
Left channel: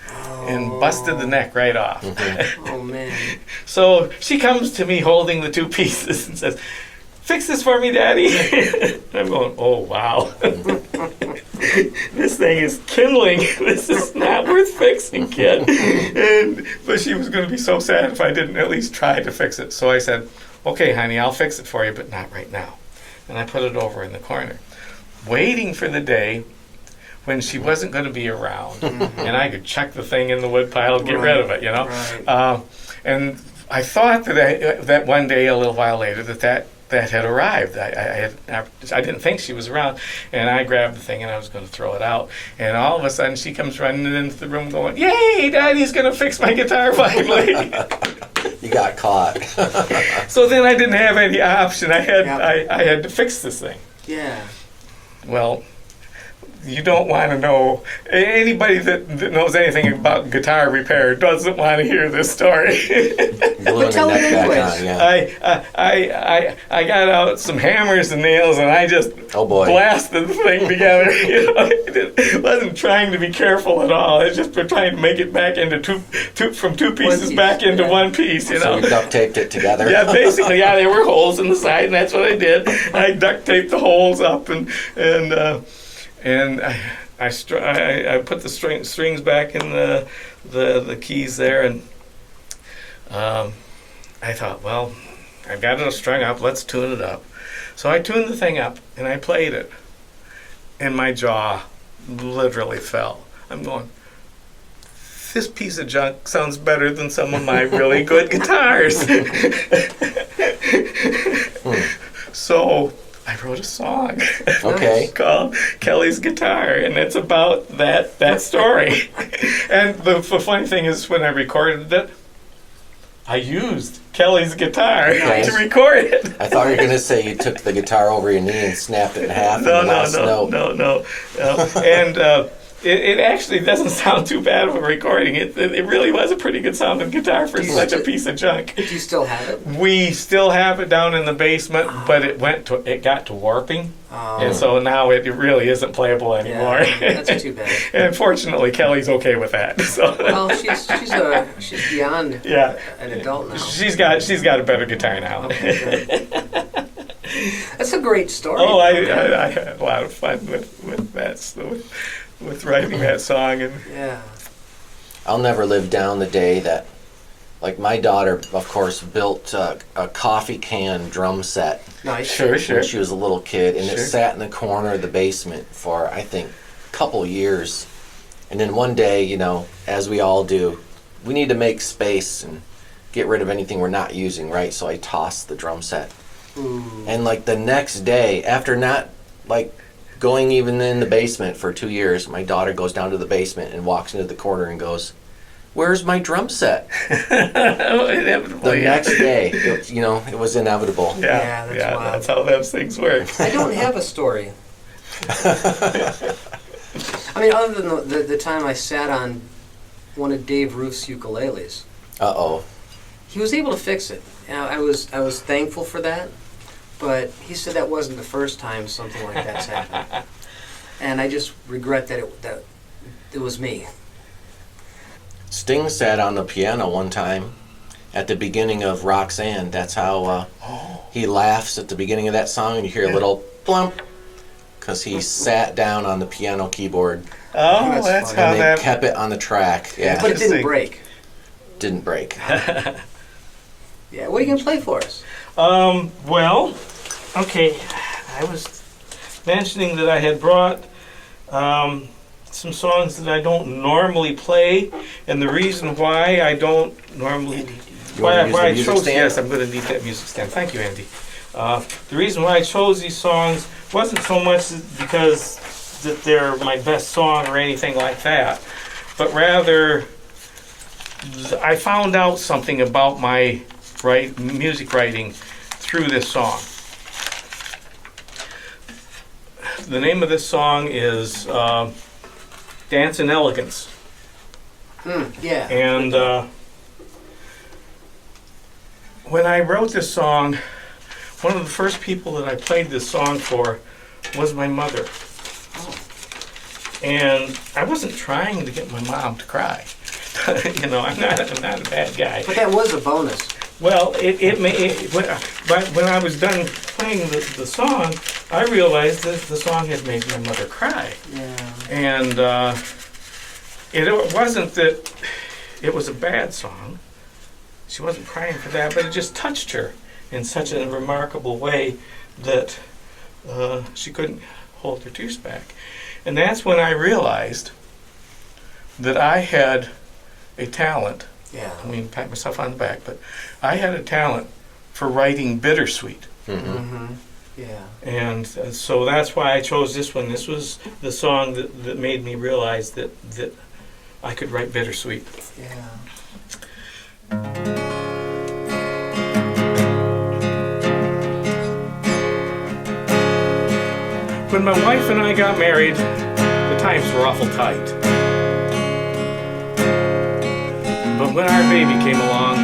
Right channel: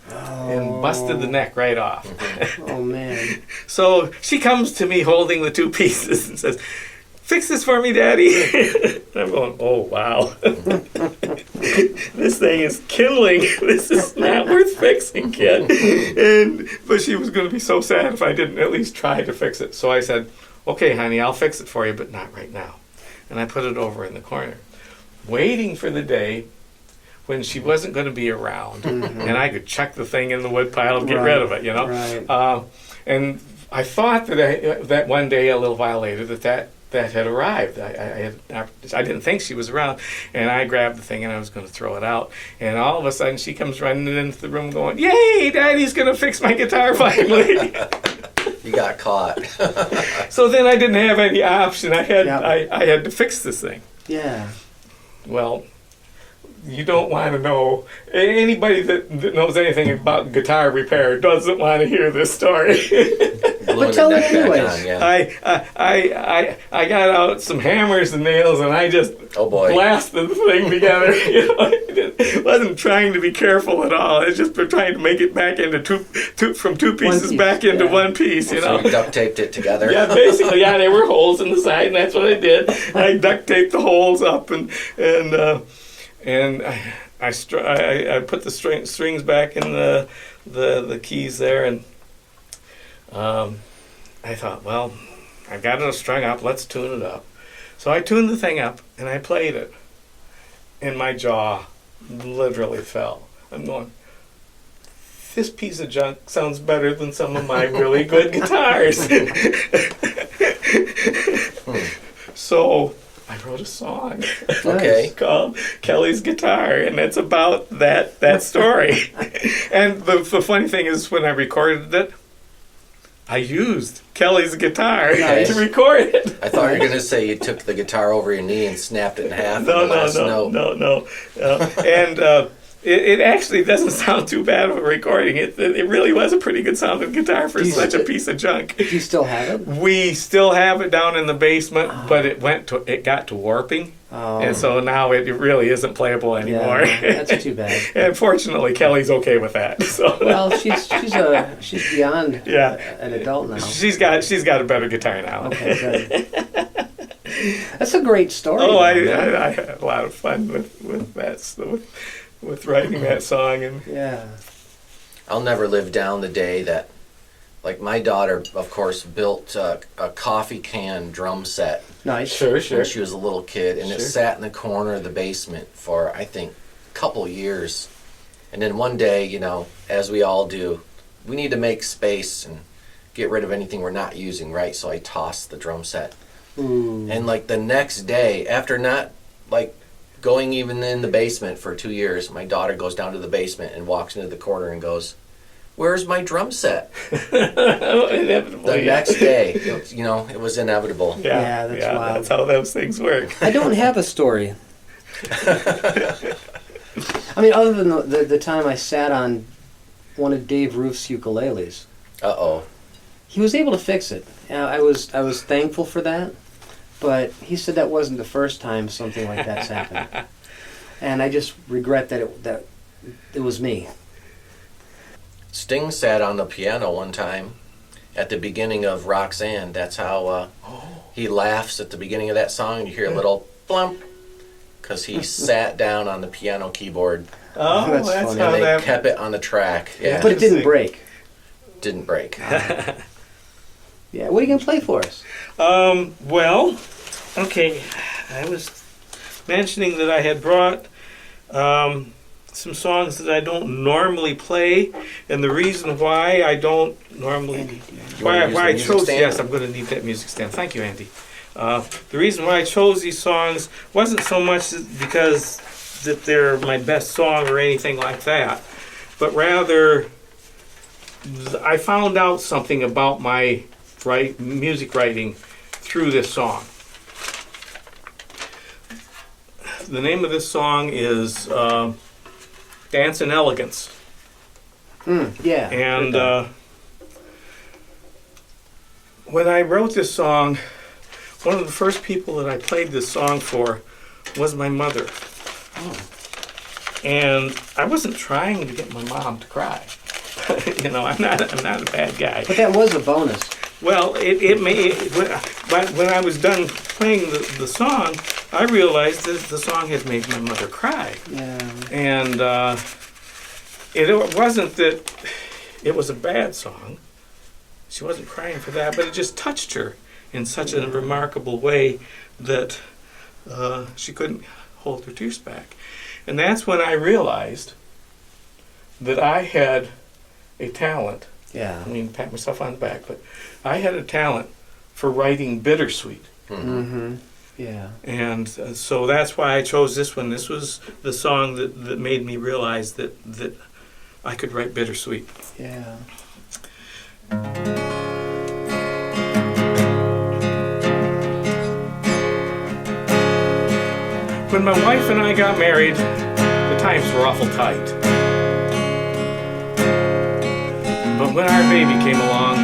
and busted the neck right off. Oh man. So she comes to me holding the two pieces and says, "Fix this for me, Daddy." I'm going, "Oh, wow." This thing is kindling. This is not worth fixing, kid. But she was going to be so sad if I didn't at least try to fix it. So I said, "Okay, honey, I'll fix it for you, but not right now." And I put it over in the corner, waiting for the day when she wasn't going to be around, and I could chuck the thing in the wood pile and get rid of it, you know. Right. And I thought that one day, a little while later, that had arrived. I didn't think she was around, and I grabbed the thing and I was going to throw it out. And all of a sudden, she comes running into the room, going, "Yay! Daddy's going to fix my guitar finally!" You got caught. So then I didn't have any option. I had to fix this thing. Yeah. well, you don't want to know. Anybody that knows anything about guitar repair doesn't want to hear this story. Gluing tell a it neck back anyways. on, yeah. I got out some hammers and nails and I just Oh boy. blasted the thing together. You know, it wasn't trying to be careful at all. It's just for trying to make it back into two pieces piece, back into yeah. one piece. You So know. you duct taped it together. Yeah, basically, yeah, there were holes in the side, and that's what I did. I duct taped the holes up, and I put the strings back in the keys there, and I thought, well, I got it strung up. Let's tune it up. So I tuned the thing up, and I played it, and my jaw literally fell. I'm going, this piece of junk sounds better than some of my really good guitars. So I wrote a song Okay. called Kelly's Guitar, and it's about that story. And the funny thing is, when I recorded it, I used Kelly's guitar Nice. to record it. I thought you were gonna say you took the guitar over your knee and snapped it in half. No, in the last note. no. And it actually doesn't sound too bad of a recording. It really was a pretty good sounding guitar for Do you such a st- piece of junk. Do you still have it? We still have it down in the basement, but it got to warping, Oh, and so now it really isn't playable anymore. yeah, that's too bad. And fortunately, Kelly's okay with that. So Well, she's beyond yeah, an adult now. she's got a better guitar now. Okay, good. That's a great story. Oh, I though. had a lot of fun with that, so, with writing that song. And Yeah. I'll never live down the day that, like, my daughter, of course, built a coffee can drum set Nice. sure. when she was a little kid, and Sure. it sat in the corner of the basement for, I think, a couple of years. And then one day, you know, as we all do, we need to make space and get rid of anything we're not using, right? So I tossed the drum set. Ooh. And like the next day, after not like going even in the basement for 2 years, my daughter goes down to the basement and walks into the corner and goes, "Where's my drum set?" The Inevitably, next day, you know, it was inevitable. Yeah, that's wild. That's how those things work. I don't have a story. I mean, other than the time I sat on one of Dave Roof's ukuleles. Uh-oh. He was able to fix it. I was thankful for that, but he said that wasn't the first time something like that's happened, and I just regret that it was me. Sting sat on the piano one time at the beginning of Roxanne. That's how he laughs at the beginning of that song, and you hear a little plump, because he sat down on the piano keyboard, Oh, That's that's funny. how and they that. kept it on the track. Yeah, But it didn't Interesting. break. didn't break. Yeah, what are you gonna play for us? Well, okay. I was mentioning that I had brought some songs that I don't normally play, and the reason why I don't normally why wanna use the I music chose stand? yes, I'm going to need that music stand. Thank you, Andy. The reason why I chose these songs wasn't so much because that they're my best song or anything like that, but rather I found out something about my music writing through this song. The name of this song is Dance in Elegance. Yeah. And when I wrote this song, one of the first people that I played this song for was my mother. And I wasn't trying to get my mom to cry. You know, I'm not a bad guy. But that was a bonus. Well, it may, but when I was done playing the song, I realized that the song had made my mother cry. Yeah. And it wasn't that it was a bad song. She wasn't crying for that, but it just touched her in such a remarkable way that she couldn't hold her tears back. And that's when I realized that I had a talent. Yeah. I mean, pat myself on the back, but I had a talent for writing bittersweet. Mm-hmm. Yeah. And so that's why I chose this one. This was the song that made me realize that I could write bittersweet. Yeah. When my wife and I got married, the times were awful tight. But when our baby came along,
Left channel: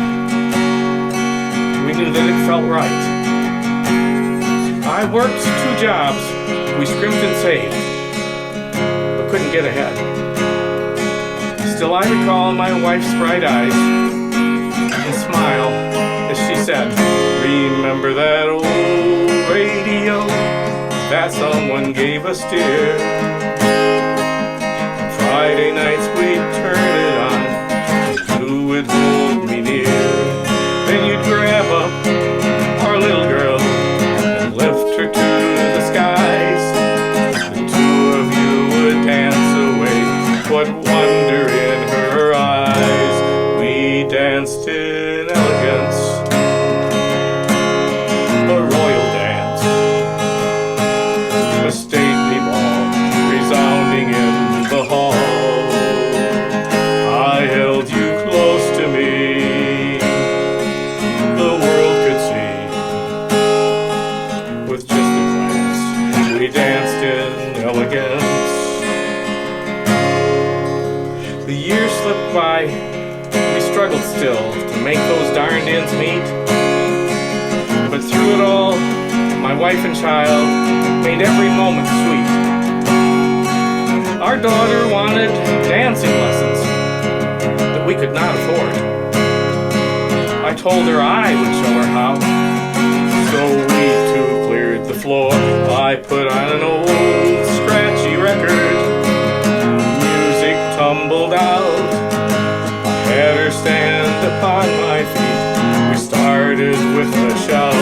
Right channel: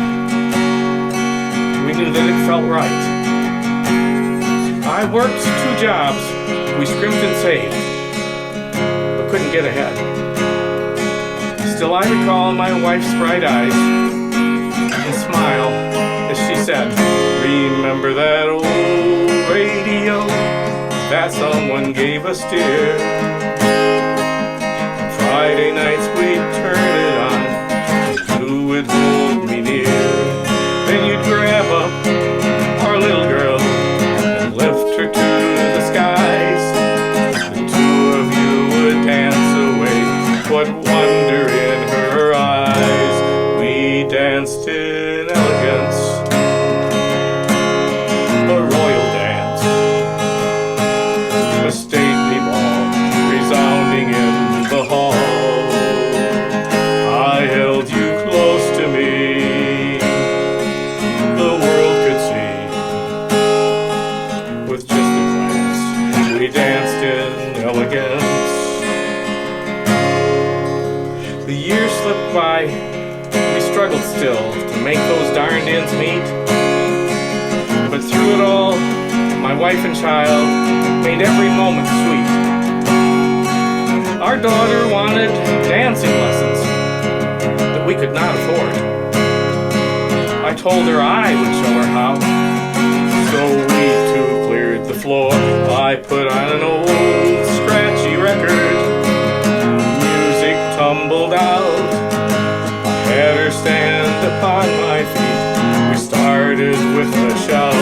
we knew that it felt right. I worked 2 jobs, we scrimped and saved, but couldn't get ahead. Still I recall my wife's bright eyes and smile as she said, remember that old radio that someone gave us, dear? On Friday nights we'd turn it on, you would hold me near. Then you'd grab up our little girl and lift her to the skies. The 2 of you would dance away, what wonder in her eyes. We danced in elegance, a royal dance, a stately ball resounding in the hall. I held you close to me, the world could see. With just a glance, we danced in elegance. The years slipped by, we struggled still to make those darned ends meet. But through it all, my wife and child made every moment sweet. Our daughter wanted dancing lessons that we could not afford. I told her I would show her how, so we 2 cleared the floor. I put on an old scratchy record, music tumbled out. I had her stand upon my feet, we started with a shout.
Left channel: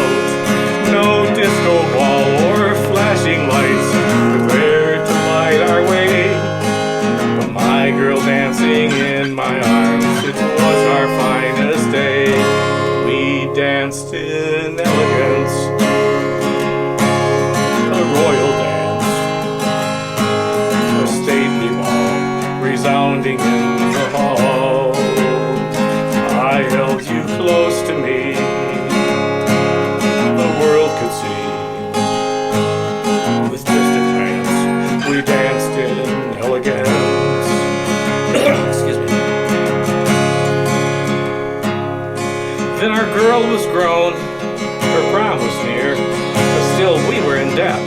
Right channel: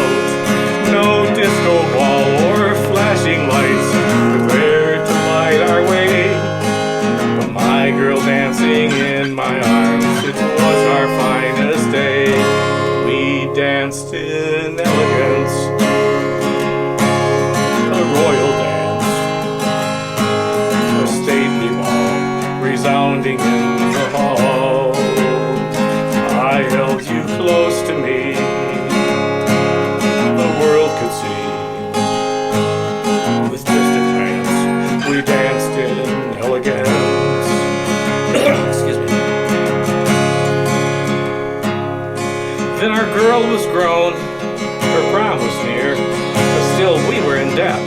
No disco ball or flashing lights were there to light our way, but my girl dancing in my arms, it was our finest day. We danced in elegance, a royal dance, a stately ball resounding in the hall. I held you close to me, the world could see. With just a glance, we danced in elegance. Excuse me. Then our girl was grown, her prom was near, but still we were in debt.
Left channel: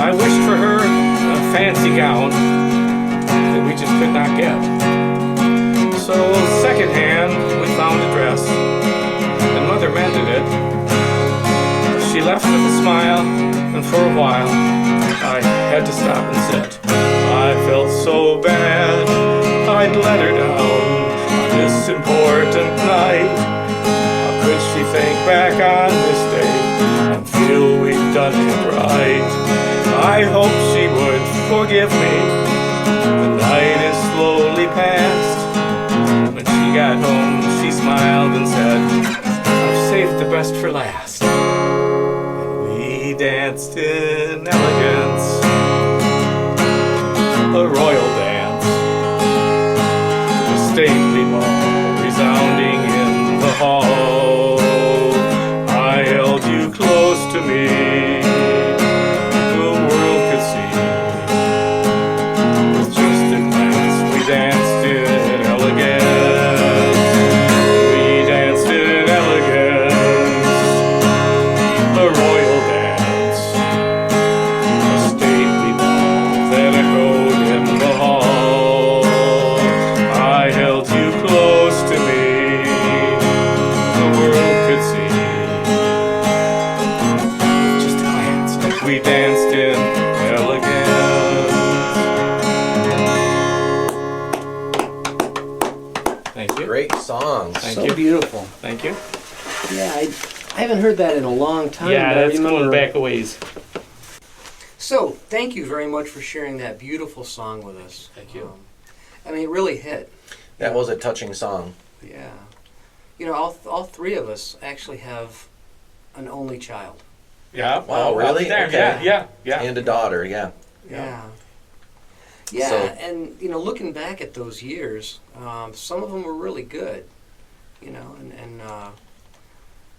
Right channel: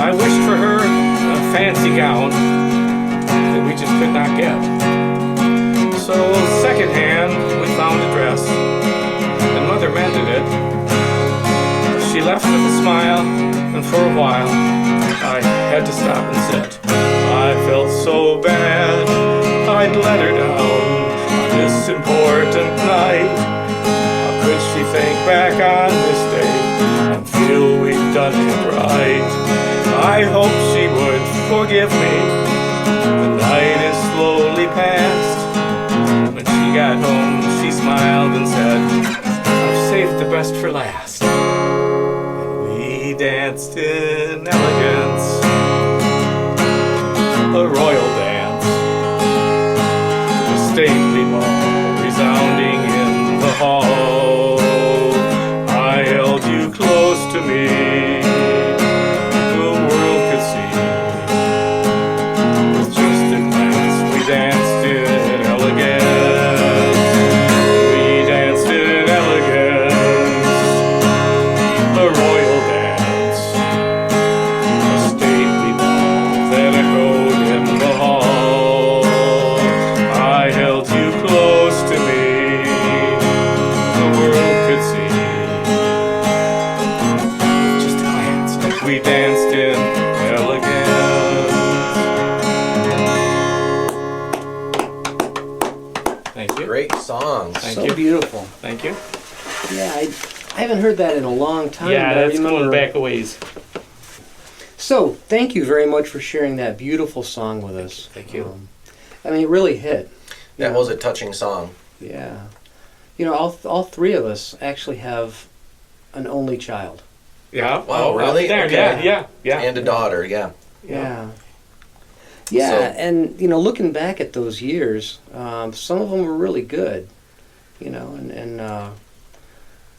I wished for her a fancy gown that we just could not get. So secondhand, we found a dress, and Mother mended it. She left with a smile, and for a while, I had to stop and sit. I felt so bad, I'd let her down on this important night. How could she think back on this day and feel we'd done it right? I hope she would forgive me. The night is slowly past. When she got home, she smiled and said, I've saved the best for last. And we danced in elegance, a royal dance, a stately ball resounding in the hall. I held you close to me, the world could see. With just a glance, we danced in elegance. We danced in elegance, a royal dance, a stately ball that echoed in the hall. I held you close to me, the world could see. Just a glance, we danced in elegance. Thank you. Great songs. Thank So you. beautiful. Thank you. Yeah, I haven't heard that in a long time. Yeah, but I that's going remember- back a ways. So, thank you very much for sharing that beautiful song with us. Thank you. I mean, it really hit. That was a touching song. Yeah. You know, all 3 of us actually have an only child. Yeah. Wow, really? There, Okay. yeah. And a daughter, yeah. Yeah. Yeah, So- and, you know, looking back at those years, some of them were really good, you know, and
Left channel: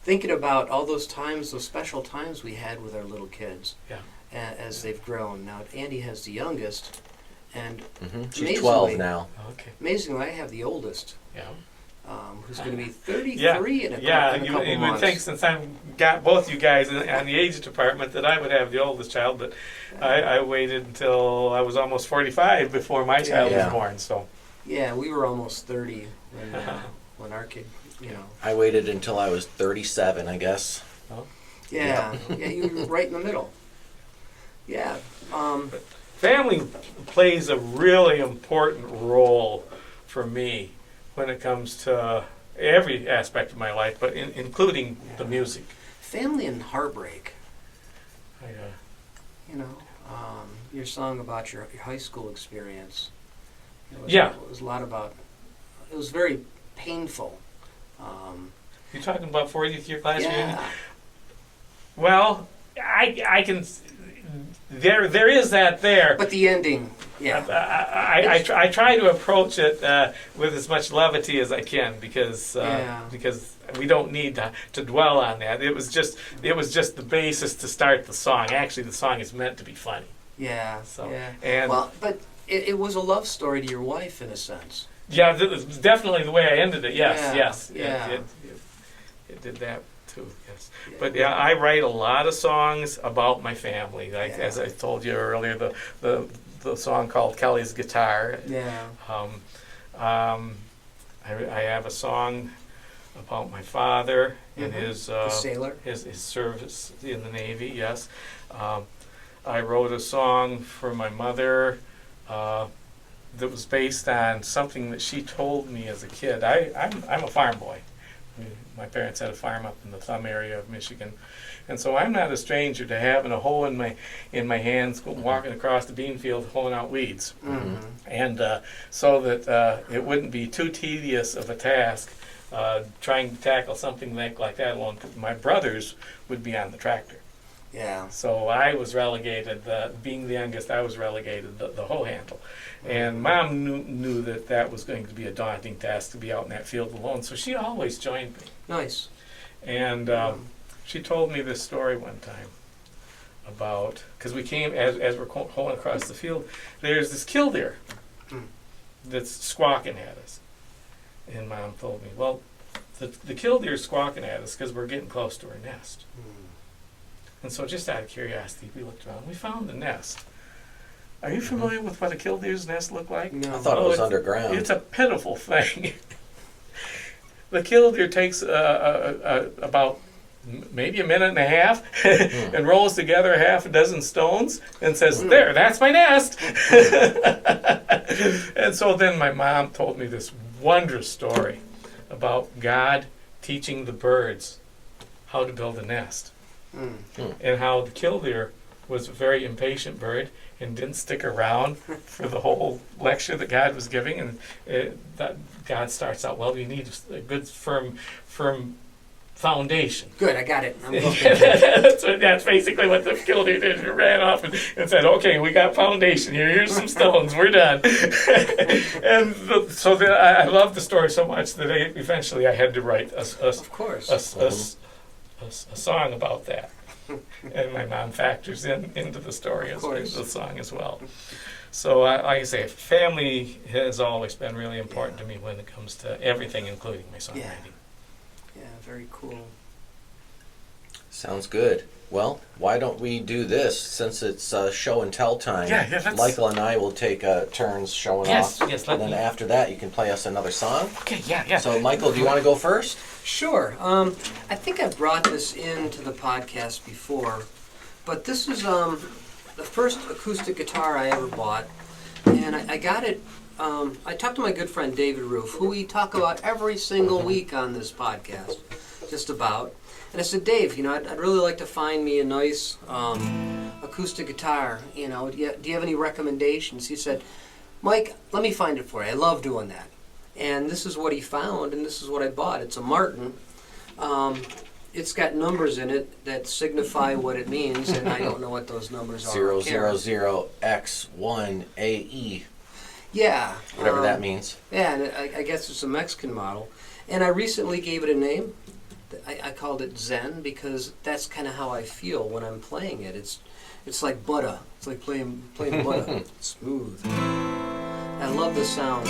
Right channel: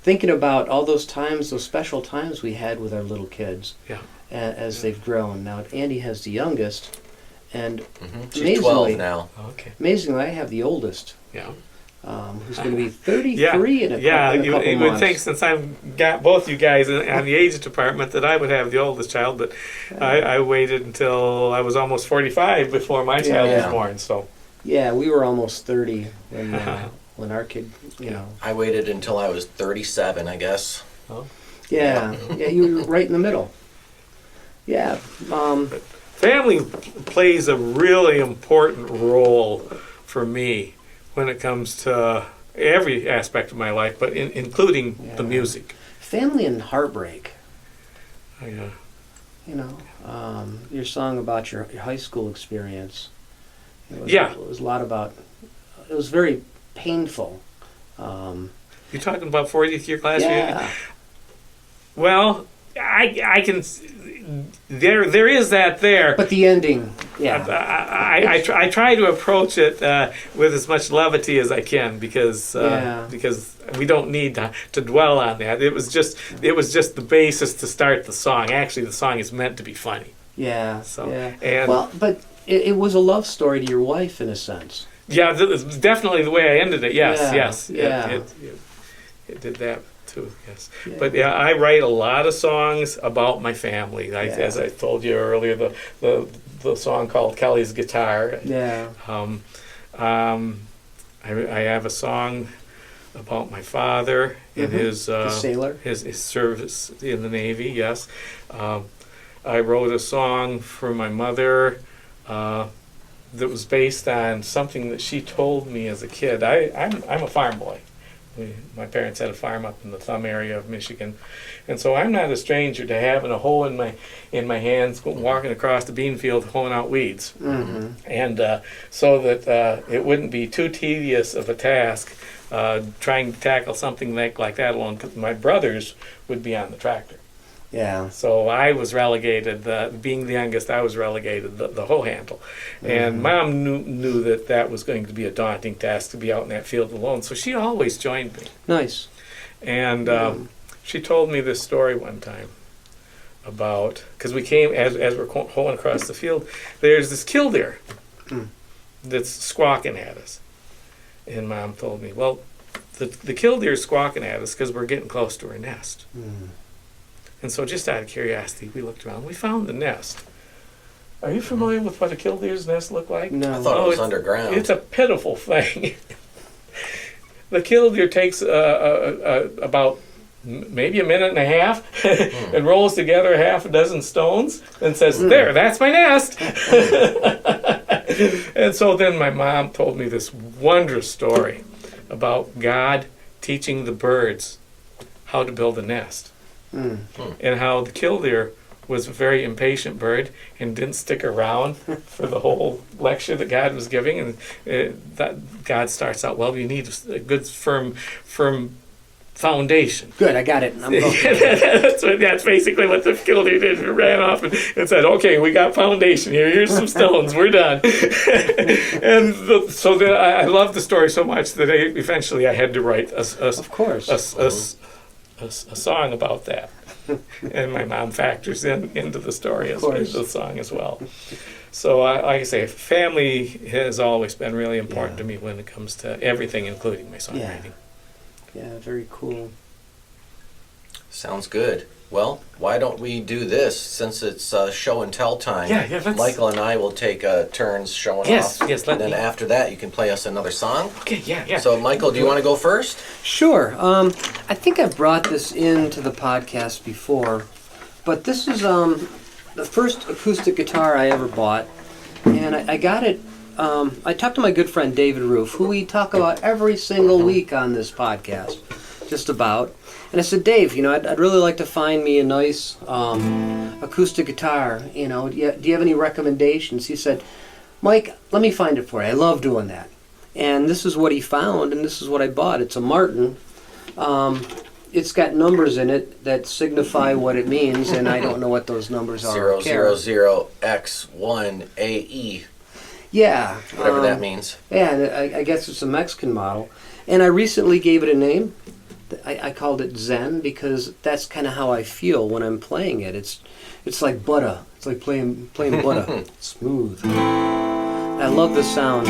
thinking about all those times, those special times we had with our little kids. Yeah. as they've grown. Now Andy has the youngest, and She's 12 now. Okay. amazingly, I have the oldest, Yeah. who's going to be 33 in a couple you months. would think since I've got both you guys on the age department that I would have the oldest child, but I waited until I was almost 45 before my child was Yeah. born. So Yeah, we were almost 30 when our kid, I waited until I was 37, I guess. Yeah, you were right in the middle. Yeah, family plays a really important role for me when it comes to every aspect of my life, but including the music. family and heartbreak. Oh, yeah. Your song about your high school experience. It was a lot about. It was very painful. You're talking about 40th year class reunion? Yeah, Well, I can. There is that there. but the ending. Yeah, I try to approach it with as much levity as I can because we don't need to dwell on that. It was just the basis to start the song. Actually, the song is meant to be funny. yeah. So, yeah. and- Well, but it was a love story to your wife in a sense. Yeah, definitely the way I ended it. Yes, Yeah, yes. yeah. It did that too. Yes. Yeah. But yeah, I write a lot of songs about my family. As I told you earlier, the song called Kelly's Guitar. Yeah. I have a song about my father and his The sailor. his service in the Navy. Yes, I wrote a song for my mother that was based on something that she told me as a kid. I'm a farm boy. My parents had a farm up in the Thumb area of Michigan, and so I'm not a stranger to having a hoe in my hands, walking across the bean field, hoeing out weeds. Mm-hmm. And so that it wouldn't be too tedious of a task trying to tackle something like that alone, because my brothers would be on the tractor. Yeah. So I was relegated, being the youngest, I was relegated the hoe handle. And Mom knew that was going to be a daunting task to be out in that field alone, so she always joined me. Nice. And she told me this story one time about, because we came, as we're hoeing across the field, there's this killdeer that's squawking at us. And Mom told me, well, the killdeer's squawking at us because we're getting close to her nest. And so just out of curiosity, we looked around. We found the nest. Are you familiar with what a killdeer's nest looked like? No. I thought it was underground. It's a pitiful thing. The killdeer takes about maybe a minute and a half and rolls together half a dozen stones and says, there, that's my nest. And so then my mom told me this wondrous story about God teaching the birds how to build a nest. And how the killdeer was a very impatient bird and didn't stick around for the whole lecture that God was giving. And that God starts out, well, you need a good, firm foundation. Good, I got it. I'm going. That's basically what the killdeer did. He ran off and said, okay, we got foundation here. Here's some stones. We're done. And so I love the story so much that eventually I had to write Of course. a song about that. And my mom factors into the story as the song as well. So like I say, family has always been really important to me when it comes to everything, including my songwriting. Yeah, very cool. Sounds good. Well, why don't we do this since it's show and tell time? Yeah, that's... Michael and I will take turns showing Yes, off. yes, and then after that, you can play us another song. Okay, yeah. So, Michael, do you want to go first? Sure. I think I've brought this into the podcast before, but this is the first acoustic guitar I ever bought, and I got it. I talked to my good friend David Roof, who we talk about every single week on this podcast, just about. And I said, Dave, I'd really like to find me a nice acoustic guitar. Do you have any recommendations? He said, Mike, let me find it for you. I love doing that. And this is what he found, and this is what I bought. It's a Martin. It's got numbers in it that signify what it means, and I don't know what those numbers are. 000X1AE. Yeah. Whatever that means. Yeah, I guess it's a Mexican model. And I recently gave it a name. I called it Zen because that's kind of how I feel when I'm playing it. It's like butter. It's like playing butter. Smooth. I love the sound.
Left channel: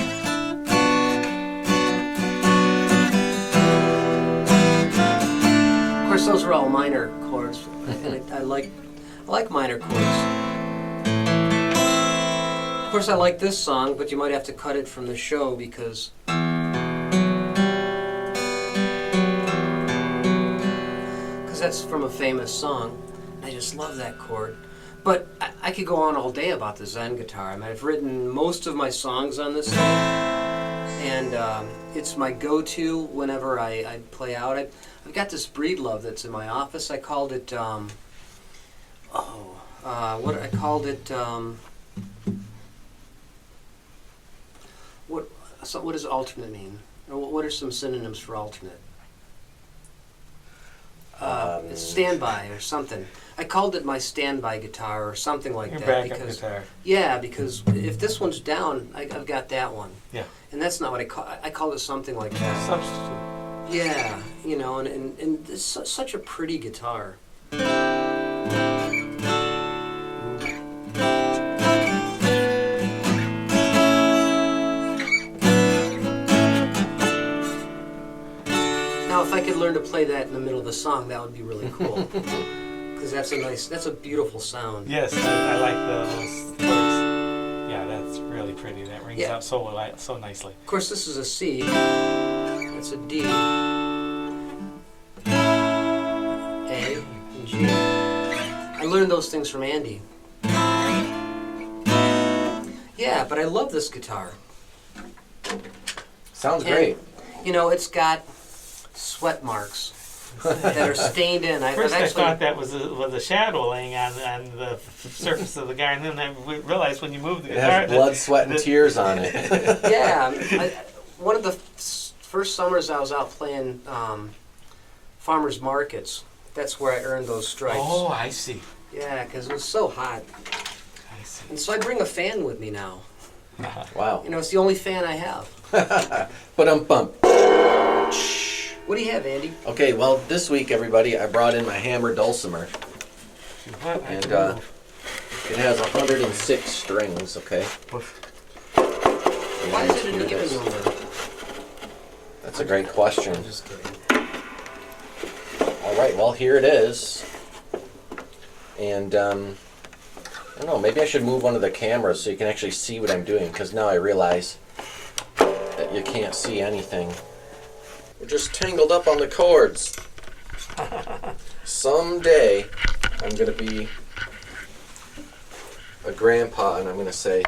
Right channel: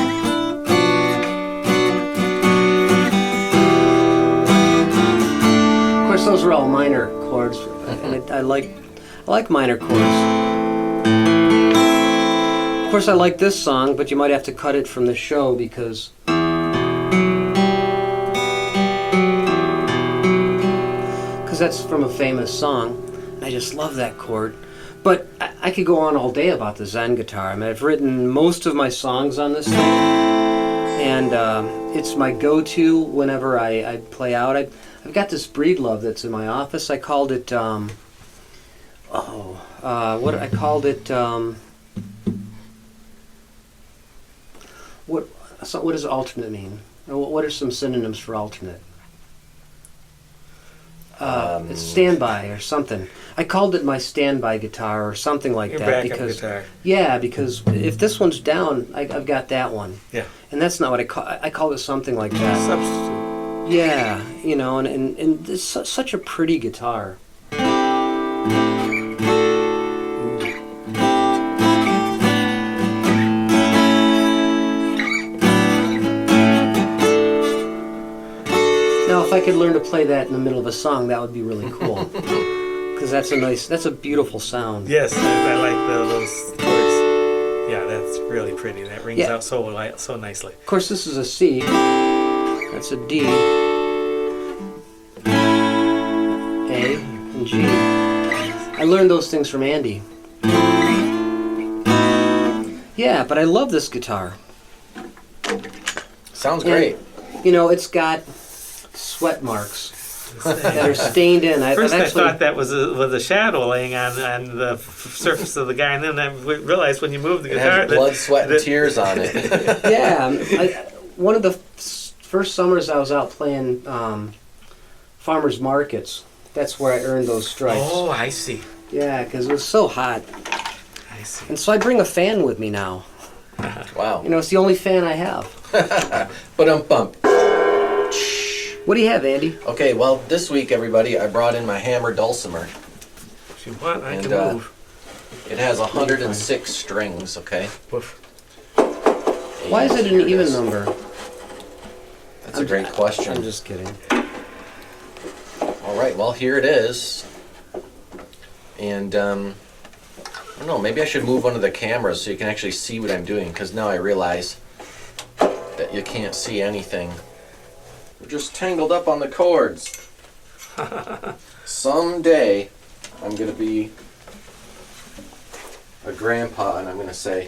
Of course, those are all minor chords, and I like minor chords. Of course, I like this song, but you might have to cut it from the show because that's from a famous song. I just love that chord. But I could go on all day about the Zen guitar. I mean, I've written most of my songs on this thing, and it's my go-to whenever I play out. I've got this Breedlove that's in my office. I called it, what does alternate mean? What are some synonyms for alternate? It's standby or something. I called it my standby guitar or something like Your that backup because guitar. yeah, because if this one's down, I've got that one. Yeah. And that's not what I call it something like that. Substitute. Yeah, you know, and it's such a pretty guitar. Now, if I could learn to play that in the middle of a song, that would be really cool. Because that's a beautiful sound. Yes, I like those chords. Yeah, that's really pretty. That rings out so nicely. Of course, this is a C. That's a D. A and G. I learned those things from Andy. Yeah, but I love this guitar. Sounds great. You know, it's got sweat marks that are stained in. First, I thought that was a shadow laying on the surface of the guy, and then I realized when you move the It guitar, has blood, sweat, and tears on it. Yeah, one of the first summers I was out playing farmers markets. That's where I earned those stripes. Oh, I see. Yeah, because it was so hot. I see. And so I bring a fan with me now. Wow. You know, it's the only fan I have. Bump. What do you have, Andy? Okay, well, this week, everybody, I brought in my hammer dulcimer. If you want, I And can move. it has 106 strings, okay? Why is it an even number? That's a great question. I'm just kidding. All right, well, here it is. And, I don't know, maybe I should move one of the cameras so you can actually see what I'm doing, because now I realize that you can't see anything. We're just tangled up on the chords. Someday, I'm going to be a grandpa, and I'm going to say,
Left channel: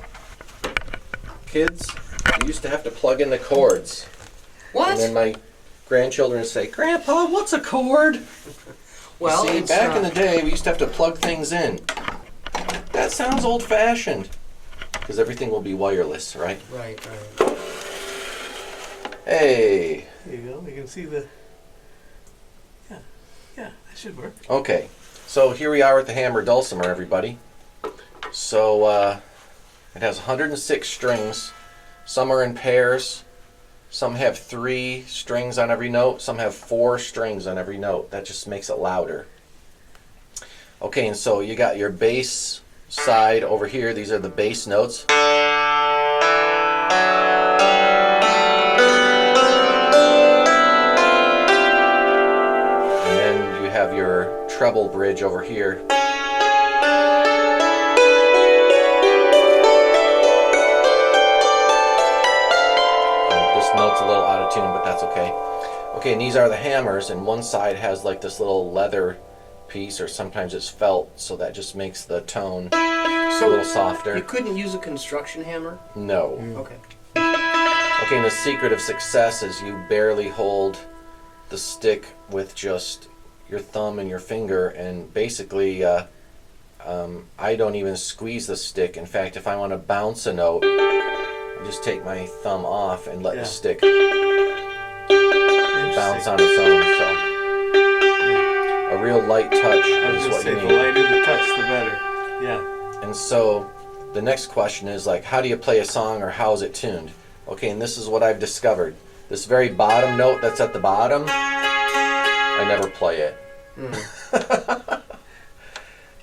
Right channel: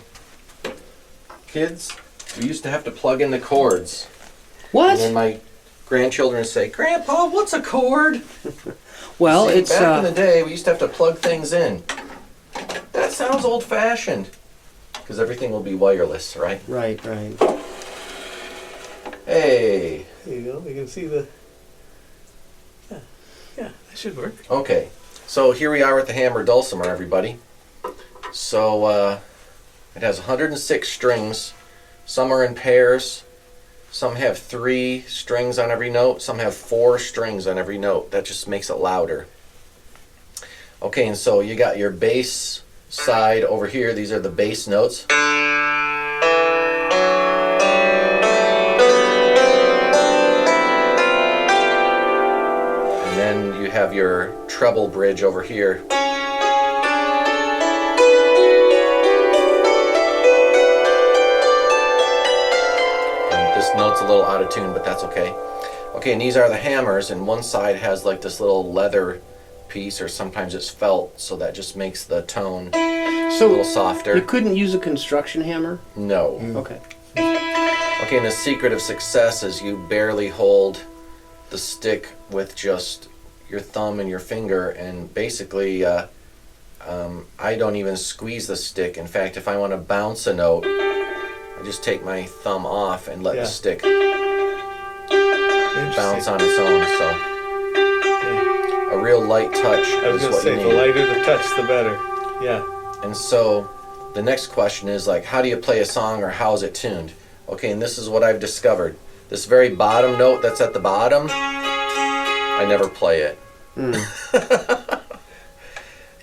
kids, you used to have to plug in the chords. What? And then my grandchildren say, Grandpa, what's a chord? Well, See, it's back in the day, we used to have to plug things in. That sounds old-fashioned. Because everything will be wireless, right? right. Hey. There you go. You can see the. Yeah, that should work. Okay, so here we are at the hammer dulcimer, everybody. So it has 106 strings. Some are in pairs. Some have 3 strings on every note. Some have 4 strings on every note. That just makes it louder. Okay, and so you got your bass side over here. These are the bass notes. And then you have your treble bridge over here. This note's a little out of tune, but that's okay. Okay, and these are the hammers, and one side has like this little leather piece, or sometimes it's felt, so that just makes the tone a little softer. You couldn't use a construction hammer? No. Okay. Okay, and the secret of success is you barely hold the stick with just your thumb and your finger, and basically I don't even squeeze the stick. In fact, if I want to bounce a note, I just take my thumb off and let the stick bounce on its own. So a real light touch I was is going to what say, you the need. lighter the touch, the better. Yeah. And so the next question is like, how do you play a song, or how is it tuned? Okay, and this is what I've discovered. This very bottom note that's at the bottom, I never play it.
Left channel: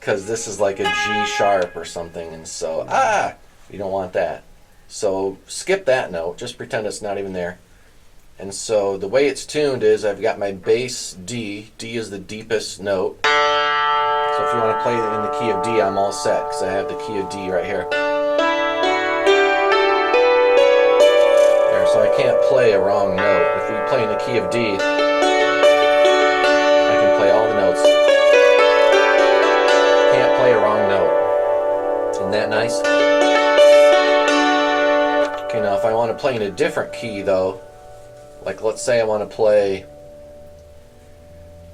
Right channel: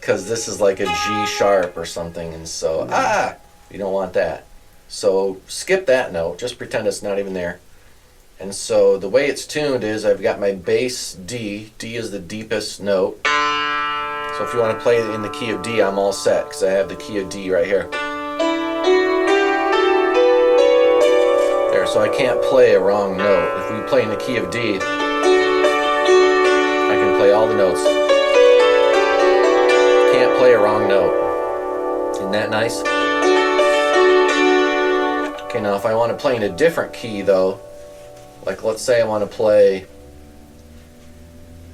because this is like a G sharp or something, and so you don't want that. So skip that note. Just pretend it's not even there. And so the way it's tuned is I've got my bass D. D is the deepest note. So if you want to play it in the key of D, I'm all set because I have the key of D right here. There, so I can't play a wrong note. If we play in the key of D, I can play all the notes. Can't play a wrong note. Isn't that nice? Okay, now if I want to play in a different key though, like let's say I want to play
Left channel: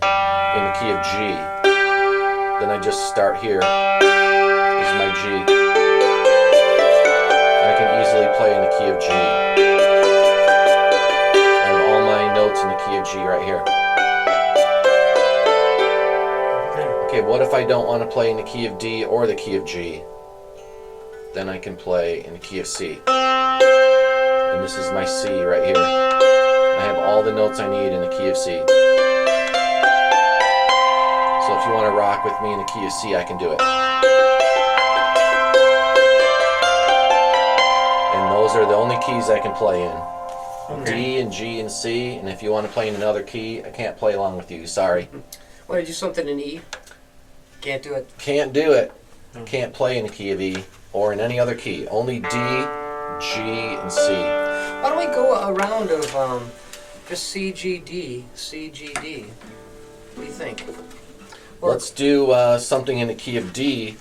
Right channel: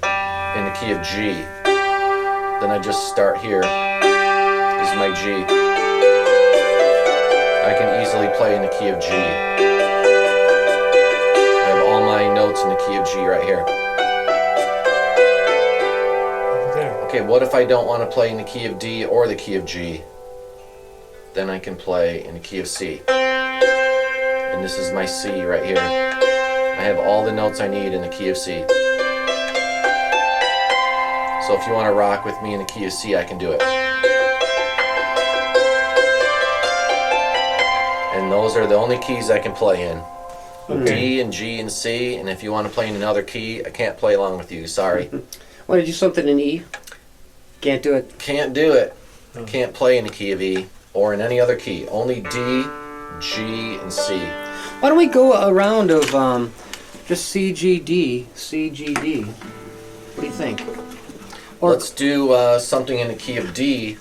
in the key of G, then I just start here. This is my G. I can easily play in the key of G. I have all my notes in the key of G right here. Okay, what if I don't want to play in the key of D or the key of G? Then I can play in the key of C. And this is my C right here. I have all the notes I need in the key of C. So if you want to rock with me in the key of C, I can do it. And those are the only keys I can play in. Okay. D and G and C, and if you want to play in another key, I can't play along with you, sorry. Want to do something in E? Can't do it. Can't do it. Can't play in the key of E or in any other key. Only D, G, and C. Why don't we go a round of just C, G, D, C, G, D? What do you think? Or Let's do something in the key of D,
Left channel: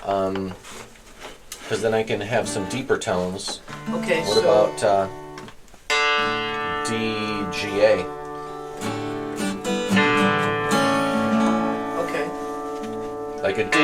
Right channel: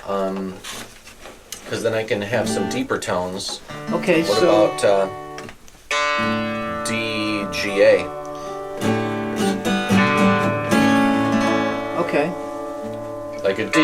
because then I can have some deeper tones. okay, What so about D, G, A? okay. Like a D, G,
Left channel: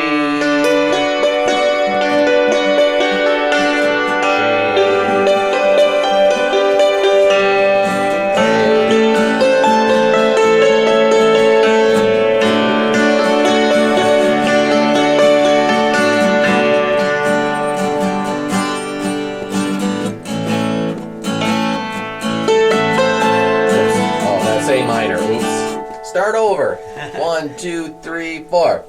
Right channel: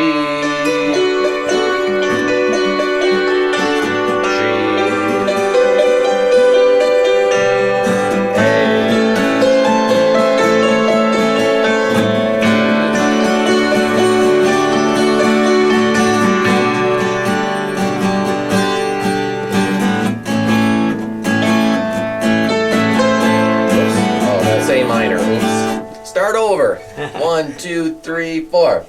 A minor. Oops. Start over. 1, 2, 3, 4.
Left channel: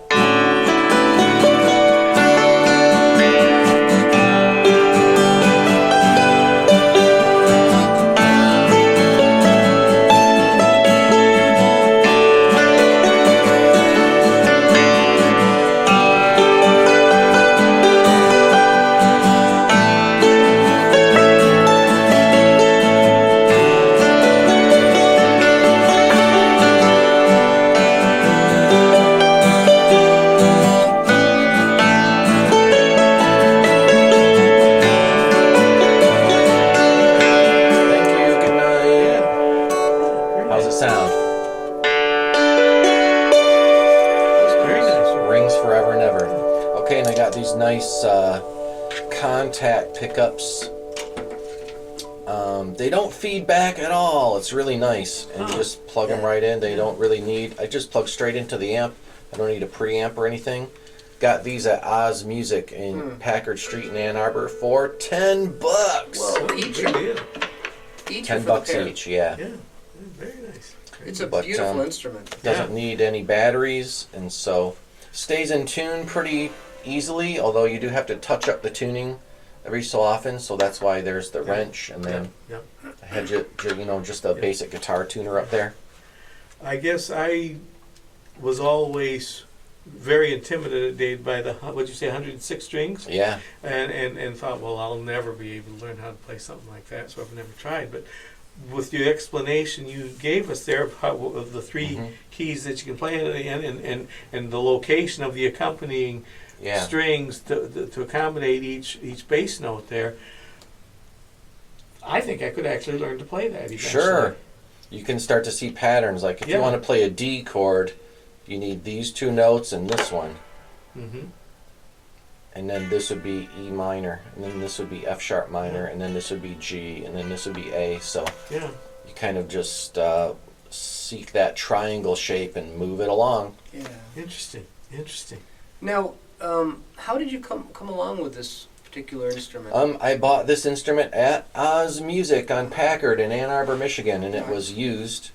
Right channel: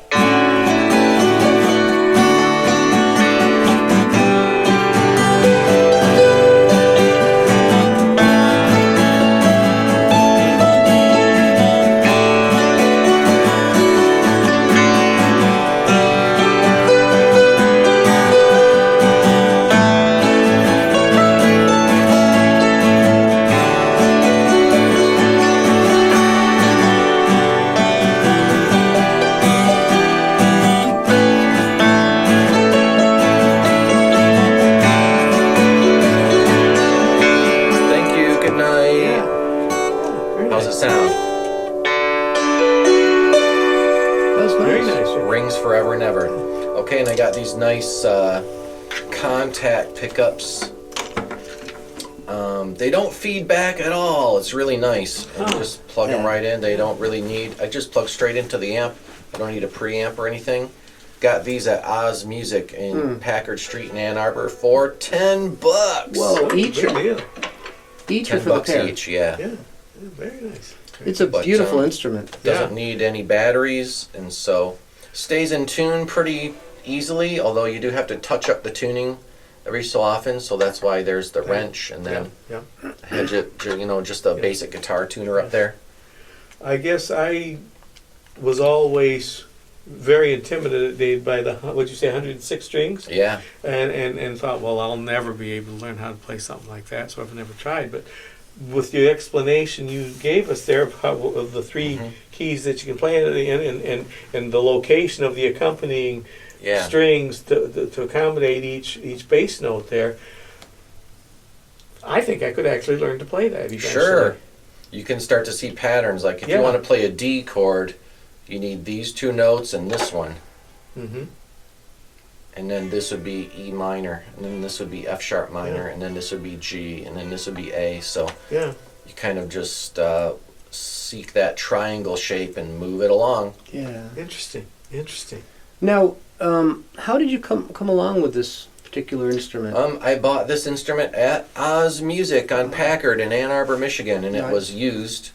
Thank you. Good night. How's it sound? That's Very nice. nice. Rings forever and ever. Okay, and I got these nice contact pickups. They don't feed back at all. It's really nice. And you just plug them Yeah. right in. They don't really need. I just plug straight into the amp. I don't need a preamp or anything. Got these at Oz Music in Packard Street in Ann Arbor for $10. Whoa, each Good or deal. each or $10 for the pair? each. Yeah. Yeah, very nice. It's a But, beautiful instrument. Doesn't need any batteries, and so stays in tune pretty easily, although you do have to touch up the tuning every so often, so that's why there's the wrench and then Yeah. just a basic guitar tuner up there. I guess I was always very intimidated by the, what'd you say, 106 strings? Yeah. And thought, well, I'll never be able to learn how to play something like that, so I've never tried. But with the explanation you gave us there of the three keys that you can play in and the location of the accompanying Yeah. strings to accommodate each bass note there, I think I could actually learn to play that eventually. Sure. You can start to see patterns. Like if Yeah. you want to play a D chord, you need these two notes and this one. Mm-hmm. And then this would be E minor, and then this would be F sharp minor, and then this would be G, and then this would be A. So Yeah. you kind of just seek that triangle shape and move it along. Yeah. Interesting. Interesting. Now, how did you come along with this particular instrument? I bought this instrument at Oz Music on Packard in Ann Arbor, Michigan, and it Nice. was used.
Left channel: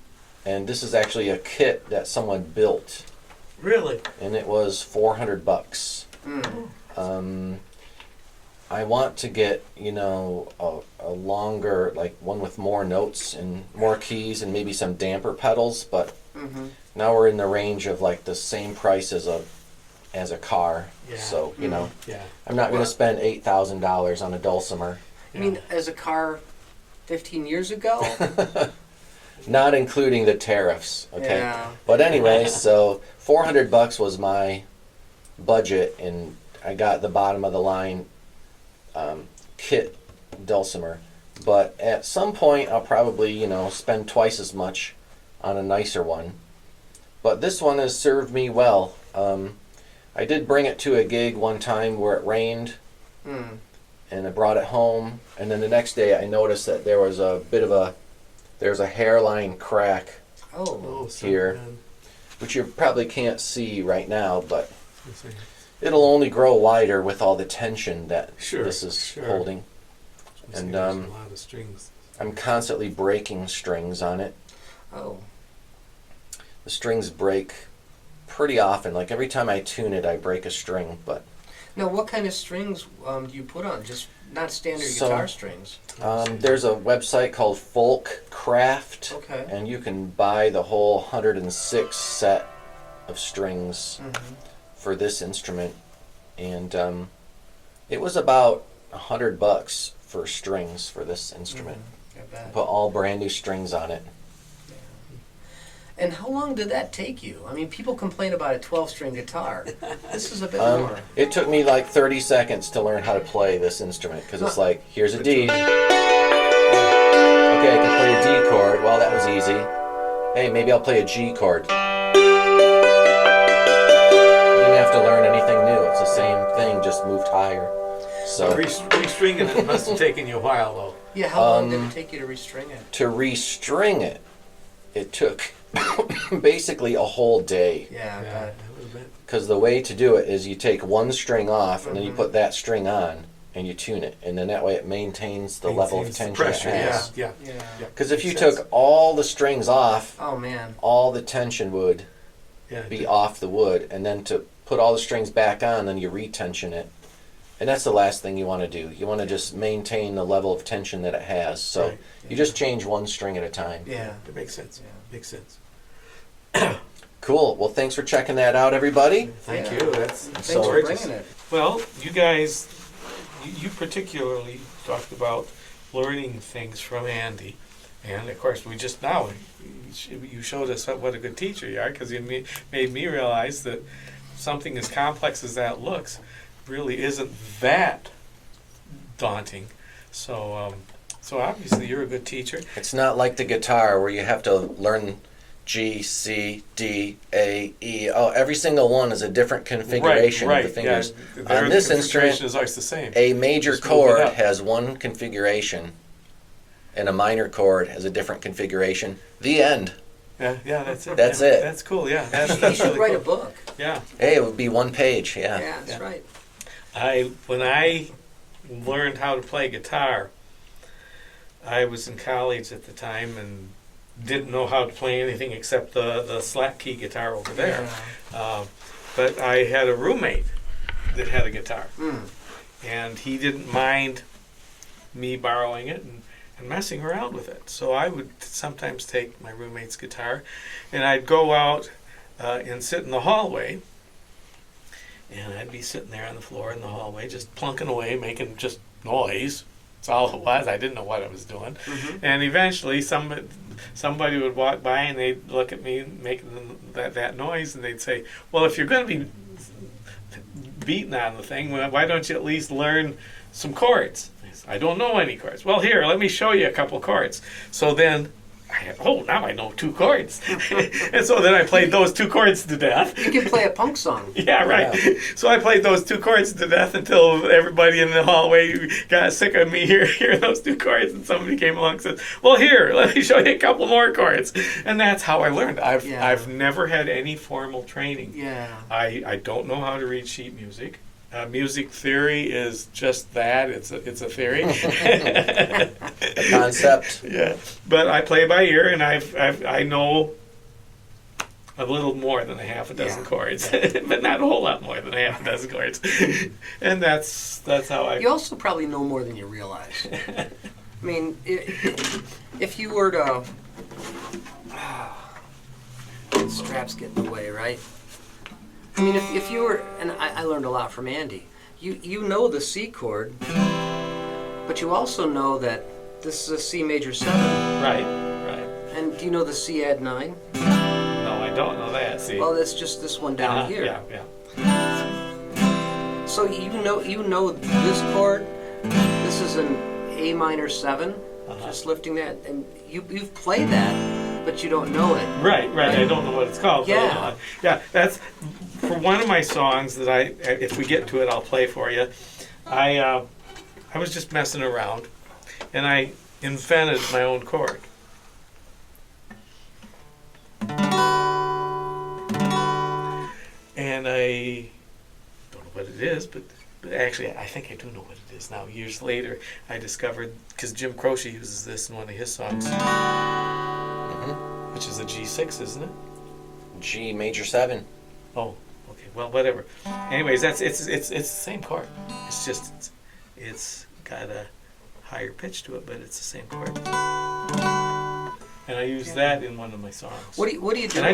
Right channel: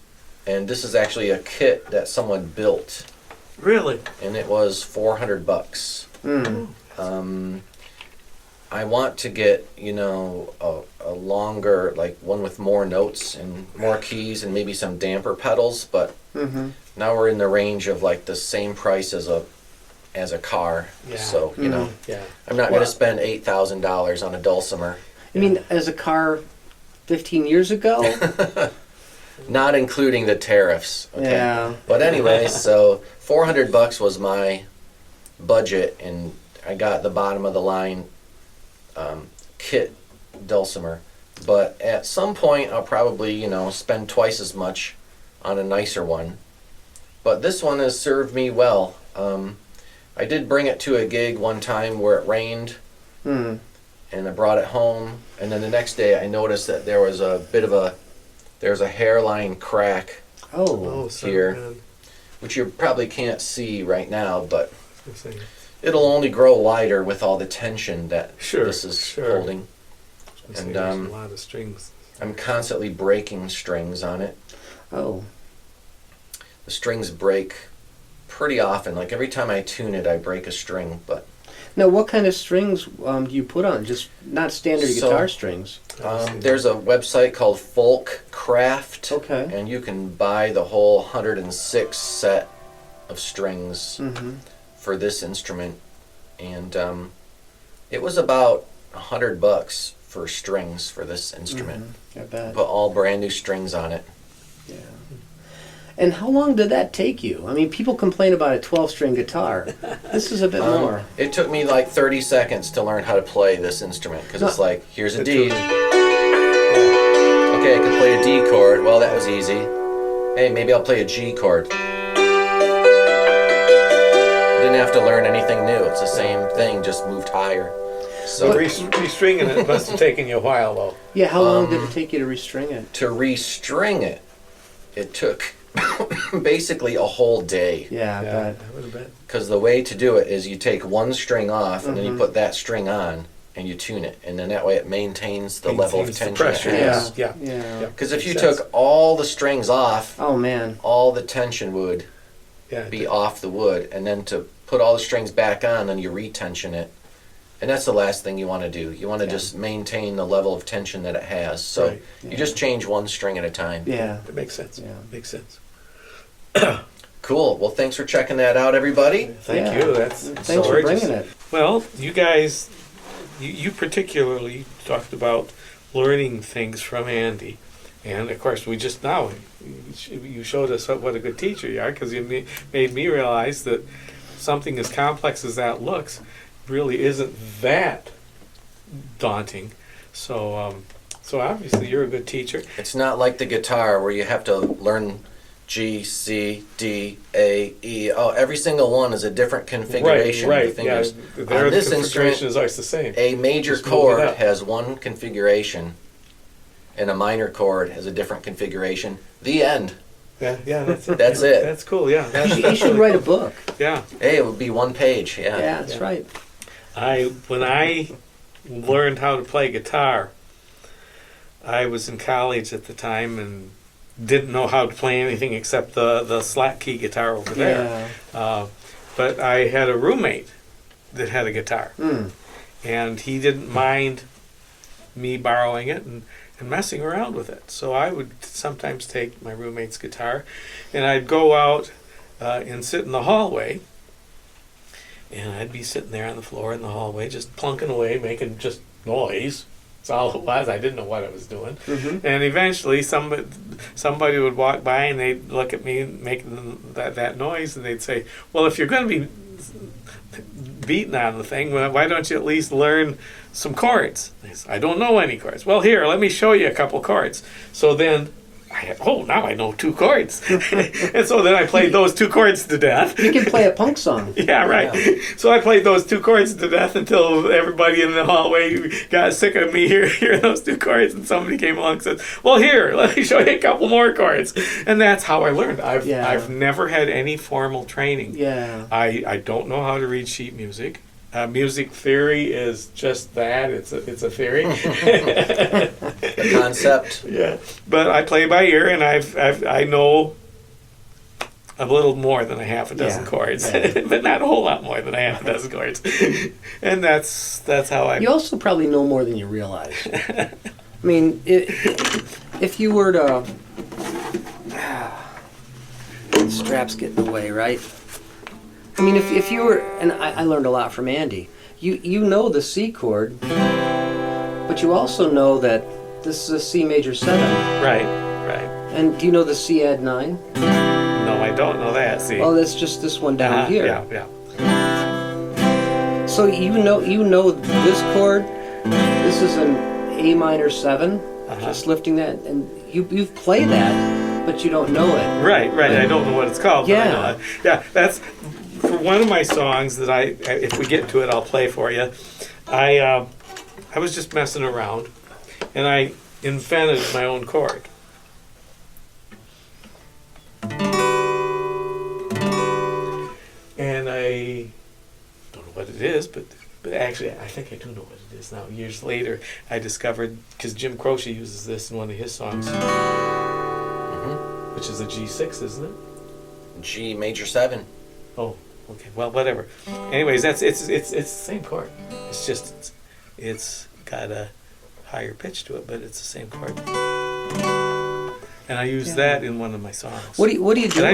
And this is actually a kit that someone built. Really? and it was $400. I want to get, a longer, like one with more notes and more keys and maybe some damper pedals, but now we're in the range of like the same price as a car. Yeah. So, Yeah. I'm not going to spend $8,000 on a dulcimer. I mean, as a car 15 years ago? Not including the tariffs. Okay. Yeah. But anyway, so $400 was my budget, and I got the bottom of the line kit dulcimer. But at some point, I'll probably spend twice as much on a nicer one. But this one has served me well. I did bring it to a gig one time where it rained, and I brought it home. And then the next day, I noticed that there was there's a hairline crack here, which you probably can't see right now, but it'll only grow wider with all the tension that this is holding. And a lot of strings. I'm constantly breaking strings on it. Oh. The strings break pretty often. Like every time I tune it, I break a string. But Now, what kind of strings do you put on? Just not standard guitar strings? there's a website called Folk Craft, Okay. and you can buy the whole 106 set of strings for this instrument. And it was about $100 for strings for this instrument. I bet. Put all brand new strings on it. Yeah. And how long did that take you? I mean, people complain about a 12-string guitar. This is a bit more. It took me like 30 seconds to learn how to play this instrument, because it's like, here's a D. Okay, I can play a D chord. Well, that was easy. Hey, maybe I'll play a G chord. You didn't have to learn anything new. It's the same thing, just moved higher. So Restringing it must have taken you a while, though. Yeah, how long did it take you to restring it? to restring it, it took basically a whole day. Yeah, I bet. I would bet. Because the way to do it is you take one string off and then you put that string on and you tune it, and then that way it maintains the level of Maintains the tension pressure, it has. Yeah. Yeah. Because if you Makes sense. took all the strings off, Oh, man. all the tension would Yeah. be off the wood, and then to put all the strings back on, then you retension it. And that's the last thing you want to do. You want to just maintain the level of tension that it has. So Right. you just change one string at a time. Yeah. That makes sense. Yeah. Makes sense. Cool. Well, thanks for checking that out, everybody. Thank Yeah. you. That's Thanks so for gorgeous. bringing it. Well, you guys, you particularly talked about learning things from Andy. And of course, we just now, you showed us what a good teacher you are, because you made me realize that something as complex as that looks really isn't that daunting. So, so obviously you're a good teacher. It's not like the guitar where you have to learn G, C, D, A, E. Oh, every single one is a different configuration of the fingers. Yeah. On this configuration instrument, is always the same. a major Just move it chord up. has one configuration, and a minor chord has a different configuration. The end. Yeah, that's it. That's it. That's cool. Yeah, You should write a book. Yeah. Hey, it would be one page. Yeah, Yeah. that's Yeah. right. When I learned how to play guitar, I was in college at the time and didn't know how to play anything except the slack key guitar over there. Yeah. But I had a roommate that had a guitar, Mm. and he didn't mind me borrowing it and messing around with it. So I would sometimes take my roommate's guitar, and I'd go out and sit in the hallway, and I'd be sitting there on the floor in the hallway, just plunking away, making just noise. That's all it was. I didn't know what I was doing. Mhm. And eventually somebody would walk by and they'd look at me making that noise, and they'd say, well, if you're going to be beating on the thing, why don't you at least learn some chords? I said, I don't know any chords. Well, here, let me show you a couple chords. So then now I know 2 chords. And so then I played those 2 chords to death. You can play a punk song. Yeah, right. So I played those 2 chords to death until everybody in the hallway got sick of me hearing those 2 chords, and somebody came along and said, well, here, let me show you a couple more chords. And that's how I learned. I've never had any formal training. Yeah. I don't know how to read sheet music. Music theory is just that. It's a theory. The concept. Yeah, but I play by ear, and I know a little more than a half a dozen Yeah. chords, but not a whole lot more than a half a dozen chords. And that's how I. You also probably know more than you realize. I mean, if you were to... The strap's getting away, right? I mean, if you were... And I learned a lot from Andy. You know the C chord, but you also know that this is a C major 7. Right. And do you know the C add 9? No, I don't know that. See. Well, that's just this one down here. Yeah. So you know this chord. This is an A minor 7. Just lifting that, and you've played that, but you don't know it. Right. I don't know what it's called. But I know Yeah. that. Yeah. That's for one of my songs that if we get to it, I'll play for you. I was just messing around, and I invented my own chord. And I don't know what it is, but actually I think I do know what it is now. Years later, I discovered, because Jim Croce uses this in one of his songs, which is the G6, isn't it? G major 7. Oh, okay. Well, whatever. Anyways, it's the same chord. It's just it's got a higher pitch to it, but it's the same chord. And I used that in one of my songs. What are you doing? And I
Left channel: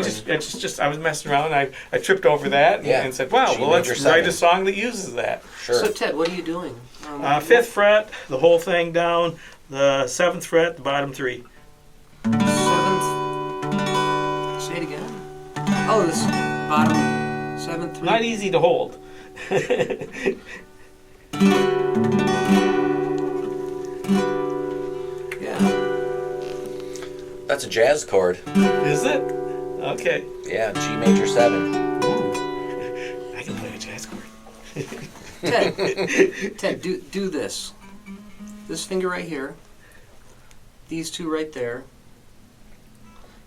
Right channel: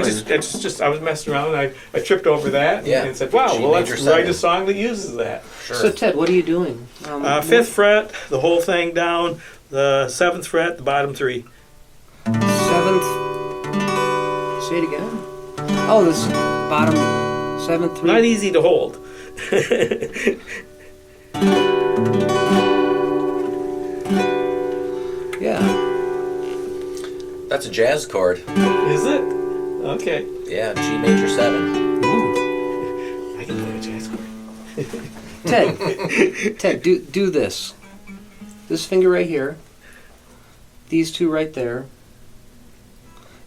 was messing around. And I tripped over that and said, "Wow, G well, let's major write 7. a song that uses that." Sure. So Ted, what are you doing? 5th fret, the whole thing down. The 7th fret, the bottom 3. 7th. Say it again. Oh, this bottom 7th. 3. Not easy to hold. Yeah. That's a jazz chord. Is it? Okay. Yeah, G major 7. I can play a jazz chord. Ted, do this. This finger right here. These two right there.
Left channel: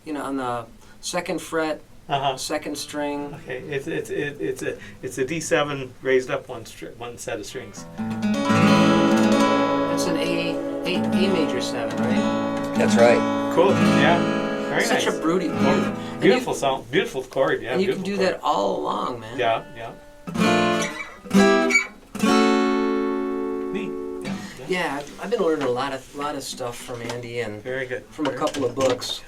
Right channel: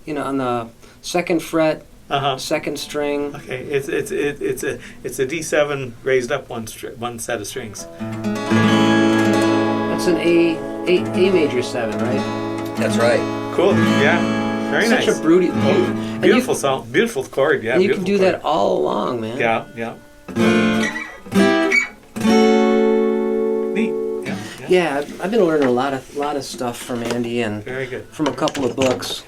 You know, on the 2nd fret, 2nd string. Okay, it's a D7 raised up one set of strings. That's an A major 7, right? That's right. Cool. Yeah. Very Such nice. a beautiful Beautiful song. Beautiful chord. Yeah. And you can beautiful do chord. that all along, man. Yeah. Neat. Yeah. Yeah, I've been learning a lot of stuff from Andy and Very good. from a couple of books.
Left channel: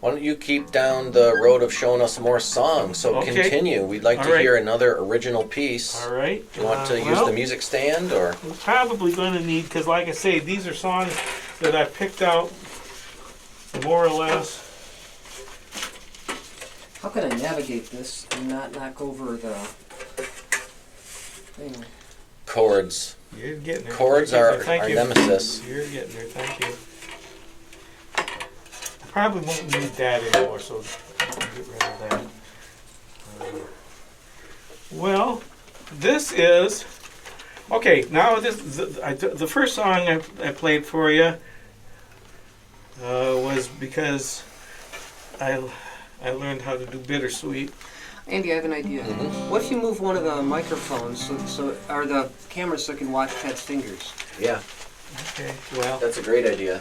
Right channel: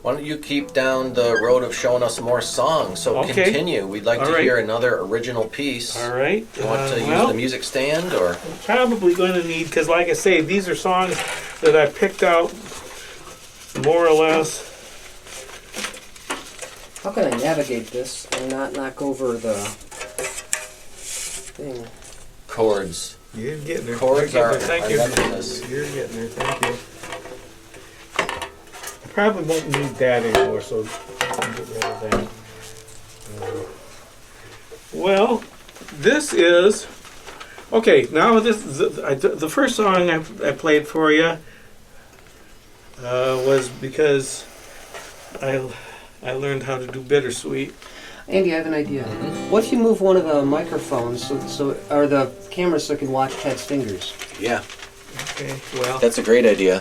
Why don't you keep down the road of showing us more songs? So Okay. continue. We'd like All to right. hear another original piece. All right. Do you want to use well, the music stand or? I'm probably going to need, because like I say, these are songs that I picked out more or less. How can I navigate this and not knock over the thing? Chords. You're getting there. Chords You're are getting there. our Thank you. nemesis. You're getting there. Thank you. I probably won't need that anymore, so I'll get rid of that. Well, this is okay. Now the first song I played for you was because I learned how to do bittersweet. Andy, I have an idea. What if you move one of the microphones or the camera so I can watch Ted's fingers? Yeah, Okay, well, that's a great idea.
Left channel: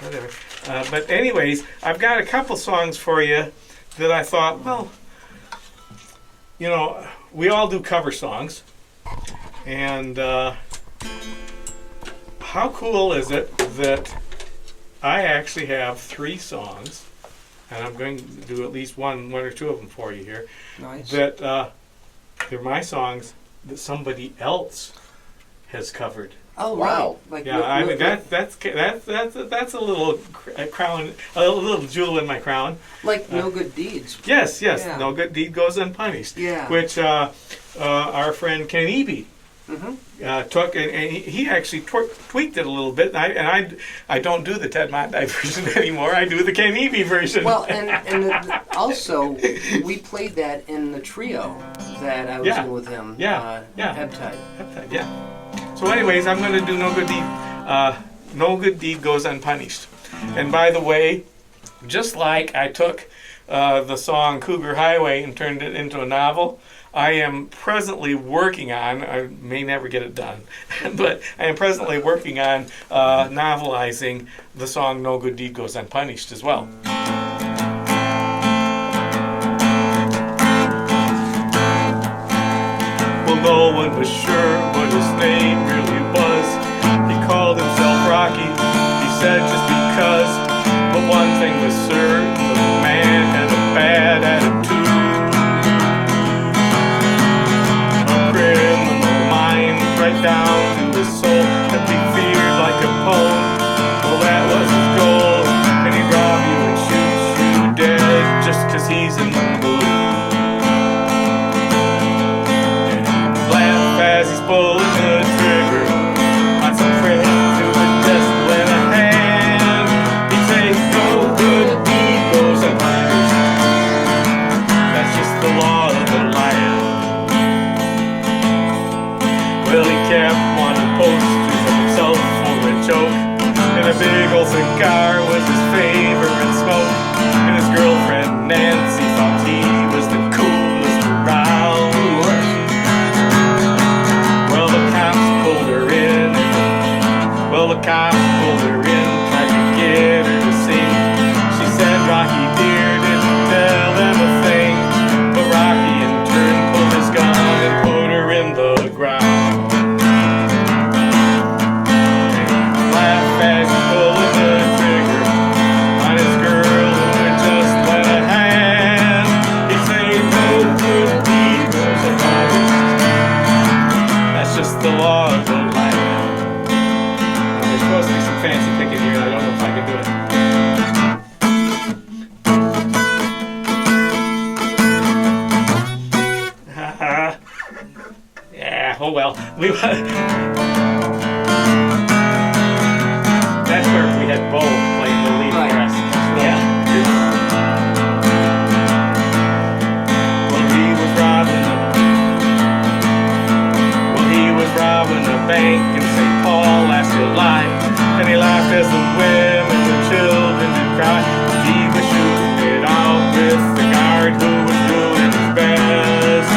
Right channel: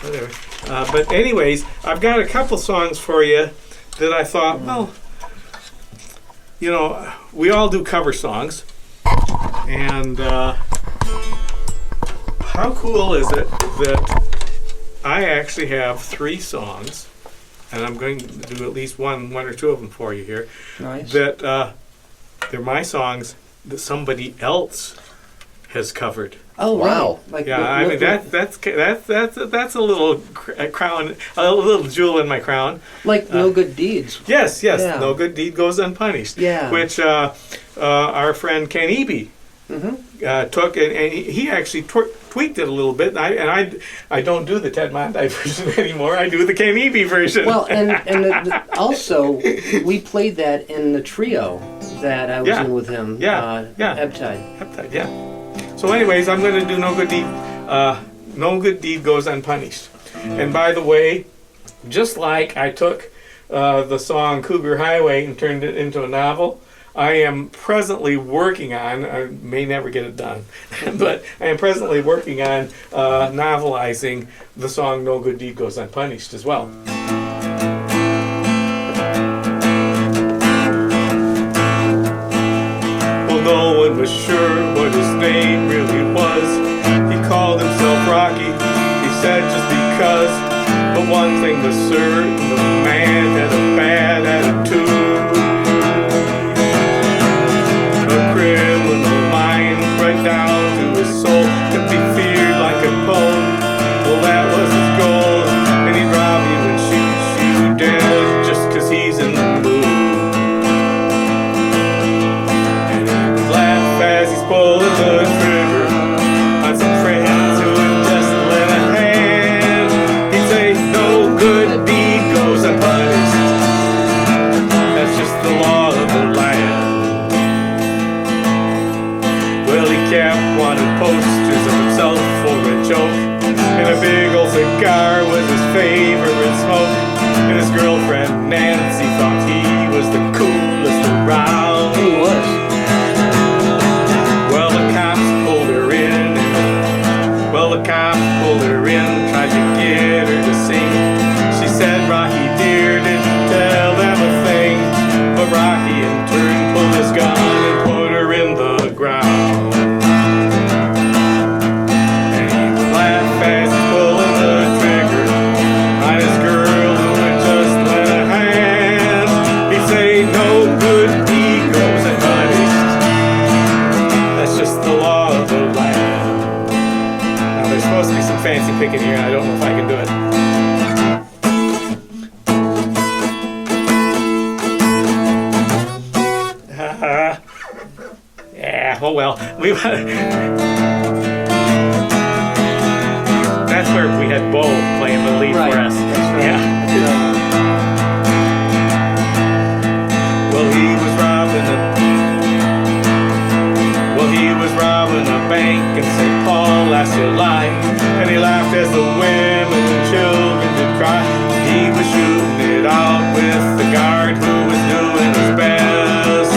whatever. But anyways, I've got a couple songs for you that I thought, well, you know, we all do cover songs, and how cool is it that I actually have 3 songs, and I'm going to do at least one or two of them for you here, Nice. that they're my songs that somebody else has covered. Oh Wow. Right. Like Yeah, I mean that's a little crown, a little jewel in my crown. like no good deeds. Yes, Yeah. no good deed goes unpunished. Yeah. Which our friend Ken Eby took, and he actually tweaked it a little bit. And I don't do the Ted Montie version anymore. I do the Ken Eby version. Well, and also we played that in the trio that I was Yeah. in with him. Yeah. Ebtide. Peptide, yeah. So, anyways, I'm going to do no good deed. No good deed goes unpunished. And by the way, just like I took the song Cougar Highway and turned it into a novel, I am presently working on, I may never get it done, but I am presently working on novelizing the song No Good Deed Goes Unpunished as well. no one was sure what his name really was. He called himself Rocky, he said just because. But one thing was certain, the man had a bad attitude. A criminal mind right down to his soul, that he feared like a pole. Well, that was his goal, and he'd rob you and shoot you dead just 'cause he's in the mood. And he'd laugh as he's pulling the trigger on some friends who had just lent a hand. He'd say, no good deed goes unpunished. That's just the law of the land. Well, he kept wanting posters of himself for a joke, and a big old cigar was his favorite smoke. And his girlfriend Nancy thought he was the coolest around. He was. Well, the cops pulled her in, tried to get her to sing. She said, Rocky dear, didn't tell them a thing. But Rocky in turn pulled his gun and put her in the ground. And he would laugh as he's pulling the trigger on his girl who had just lent a hand. He'd say, no good deed goes unpunished. That's just the law of the land. Now, there's supposed to be some fancy picking here, and I don't know if I can do it. Yeah, oh well. That's where we had Bo playing the lead Right. for us. That's right. Yeah. Well, he was robbing a bank in St. Paul last July, and he laughed as the women and children did cry. He was shooting it out with the guard who was doing his best.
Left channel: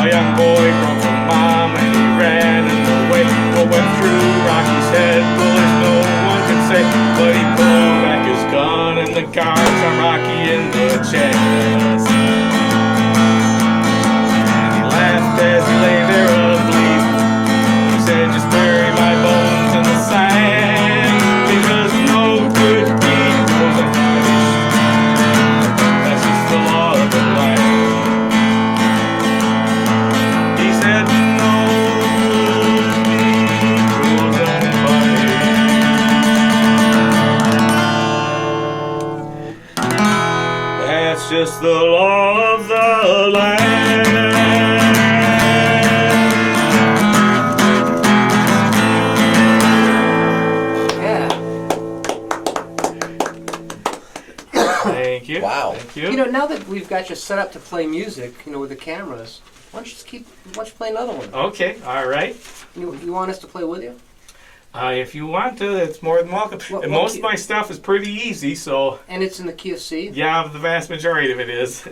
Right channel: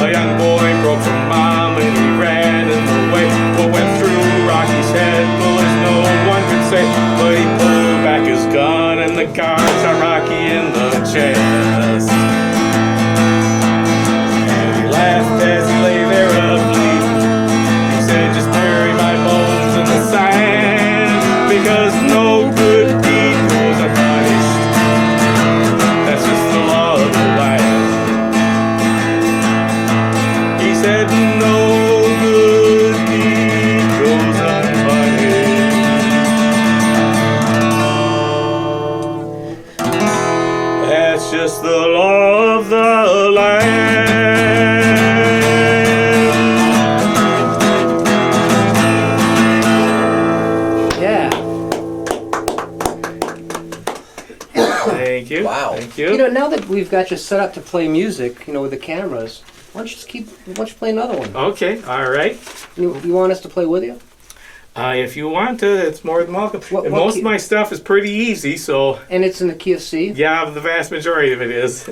A young boy broke from mom and he ran in the way. What went through Rocky's head, boys, no one could say. But he pulled back his gun and the guard shot Rocky in the chest. And he laughed as he lay there asleep. He said, just bury my bones in the sand, because no good deed goes unpunished. That's just the law of the land. He said, no good deed goes unpunished. That's just the law of the land. Yeah. Thank you. Wow. Thank You know, now that we've got you set up to play music, with the cameras, why don't you play another one? Okay, all right. You want us to play with you? If you want to, it's more than welcome. What And most key? of my stuff is pretty easy, so And it's in the key of C. yeah, the vast majority of it is.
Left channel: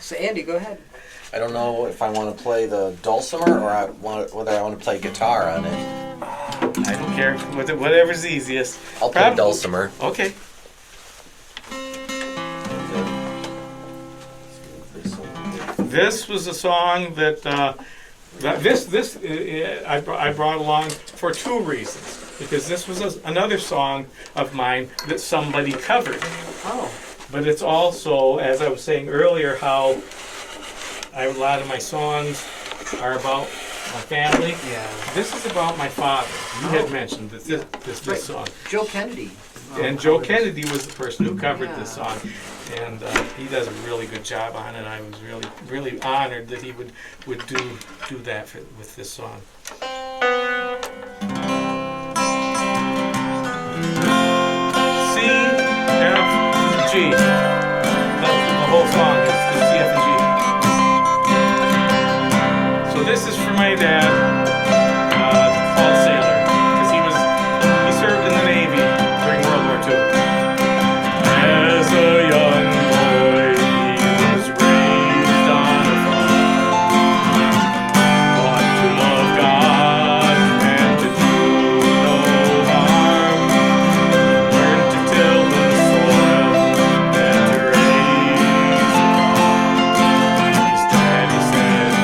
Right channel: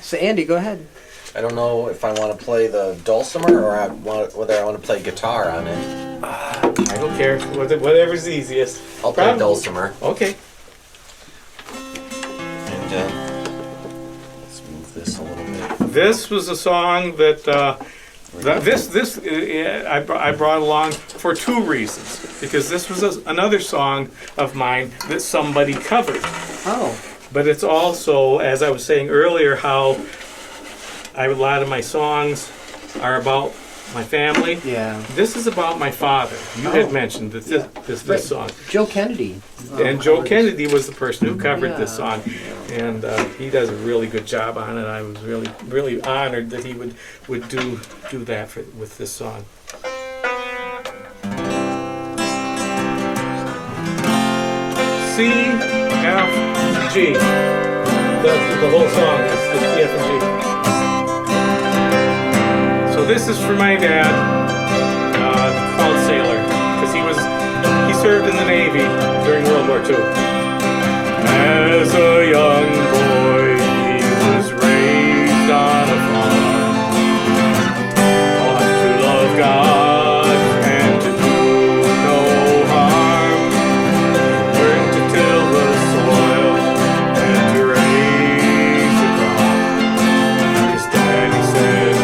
So Andy, go ahead. I don't know if I want to play the dulcimer or whether I want to play guitar on it. I don't care. Whatever's easiest. I'll play Probably- dulcimer. Okay. And let's move this a little bit. This was a song that I brought along for two reasons. Because this was another song of mine that somebody covered. Oh. But it's also, as I was saying earlier, how a lot of my songs are about my family. Yeah. This is about my father. You Oh. had mentioned this Right. song. Joe Kennedy. And Joe Kennedy was the person who covered this Yeah. song, and he does a really good job on it. I was really honored that he would do that with this song. C, F, G. The whole song is C, F, and G. So this is for my dad, called Sailor, because he served in the Navy during World War II. As a young boy, he was raised on a farm, taught to love God and to do no harm. Learned to till the soil and to raise a crop. His daddy said,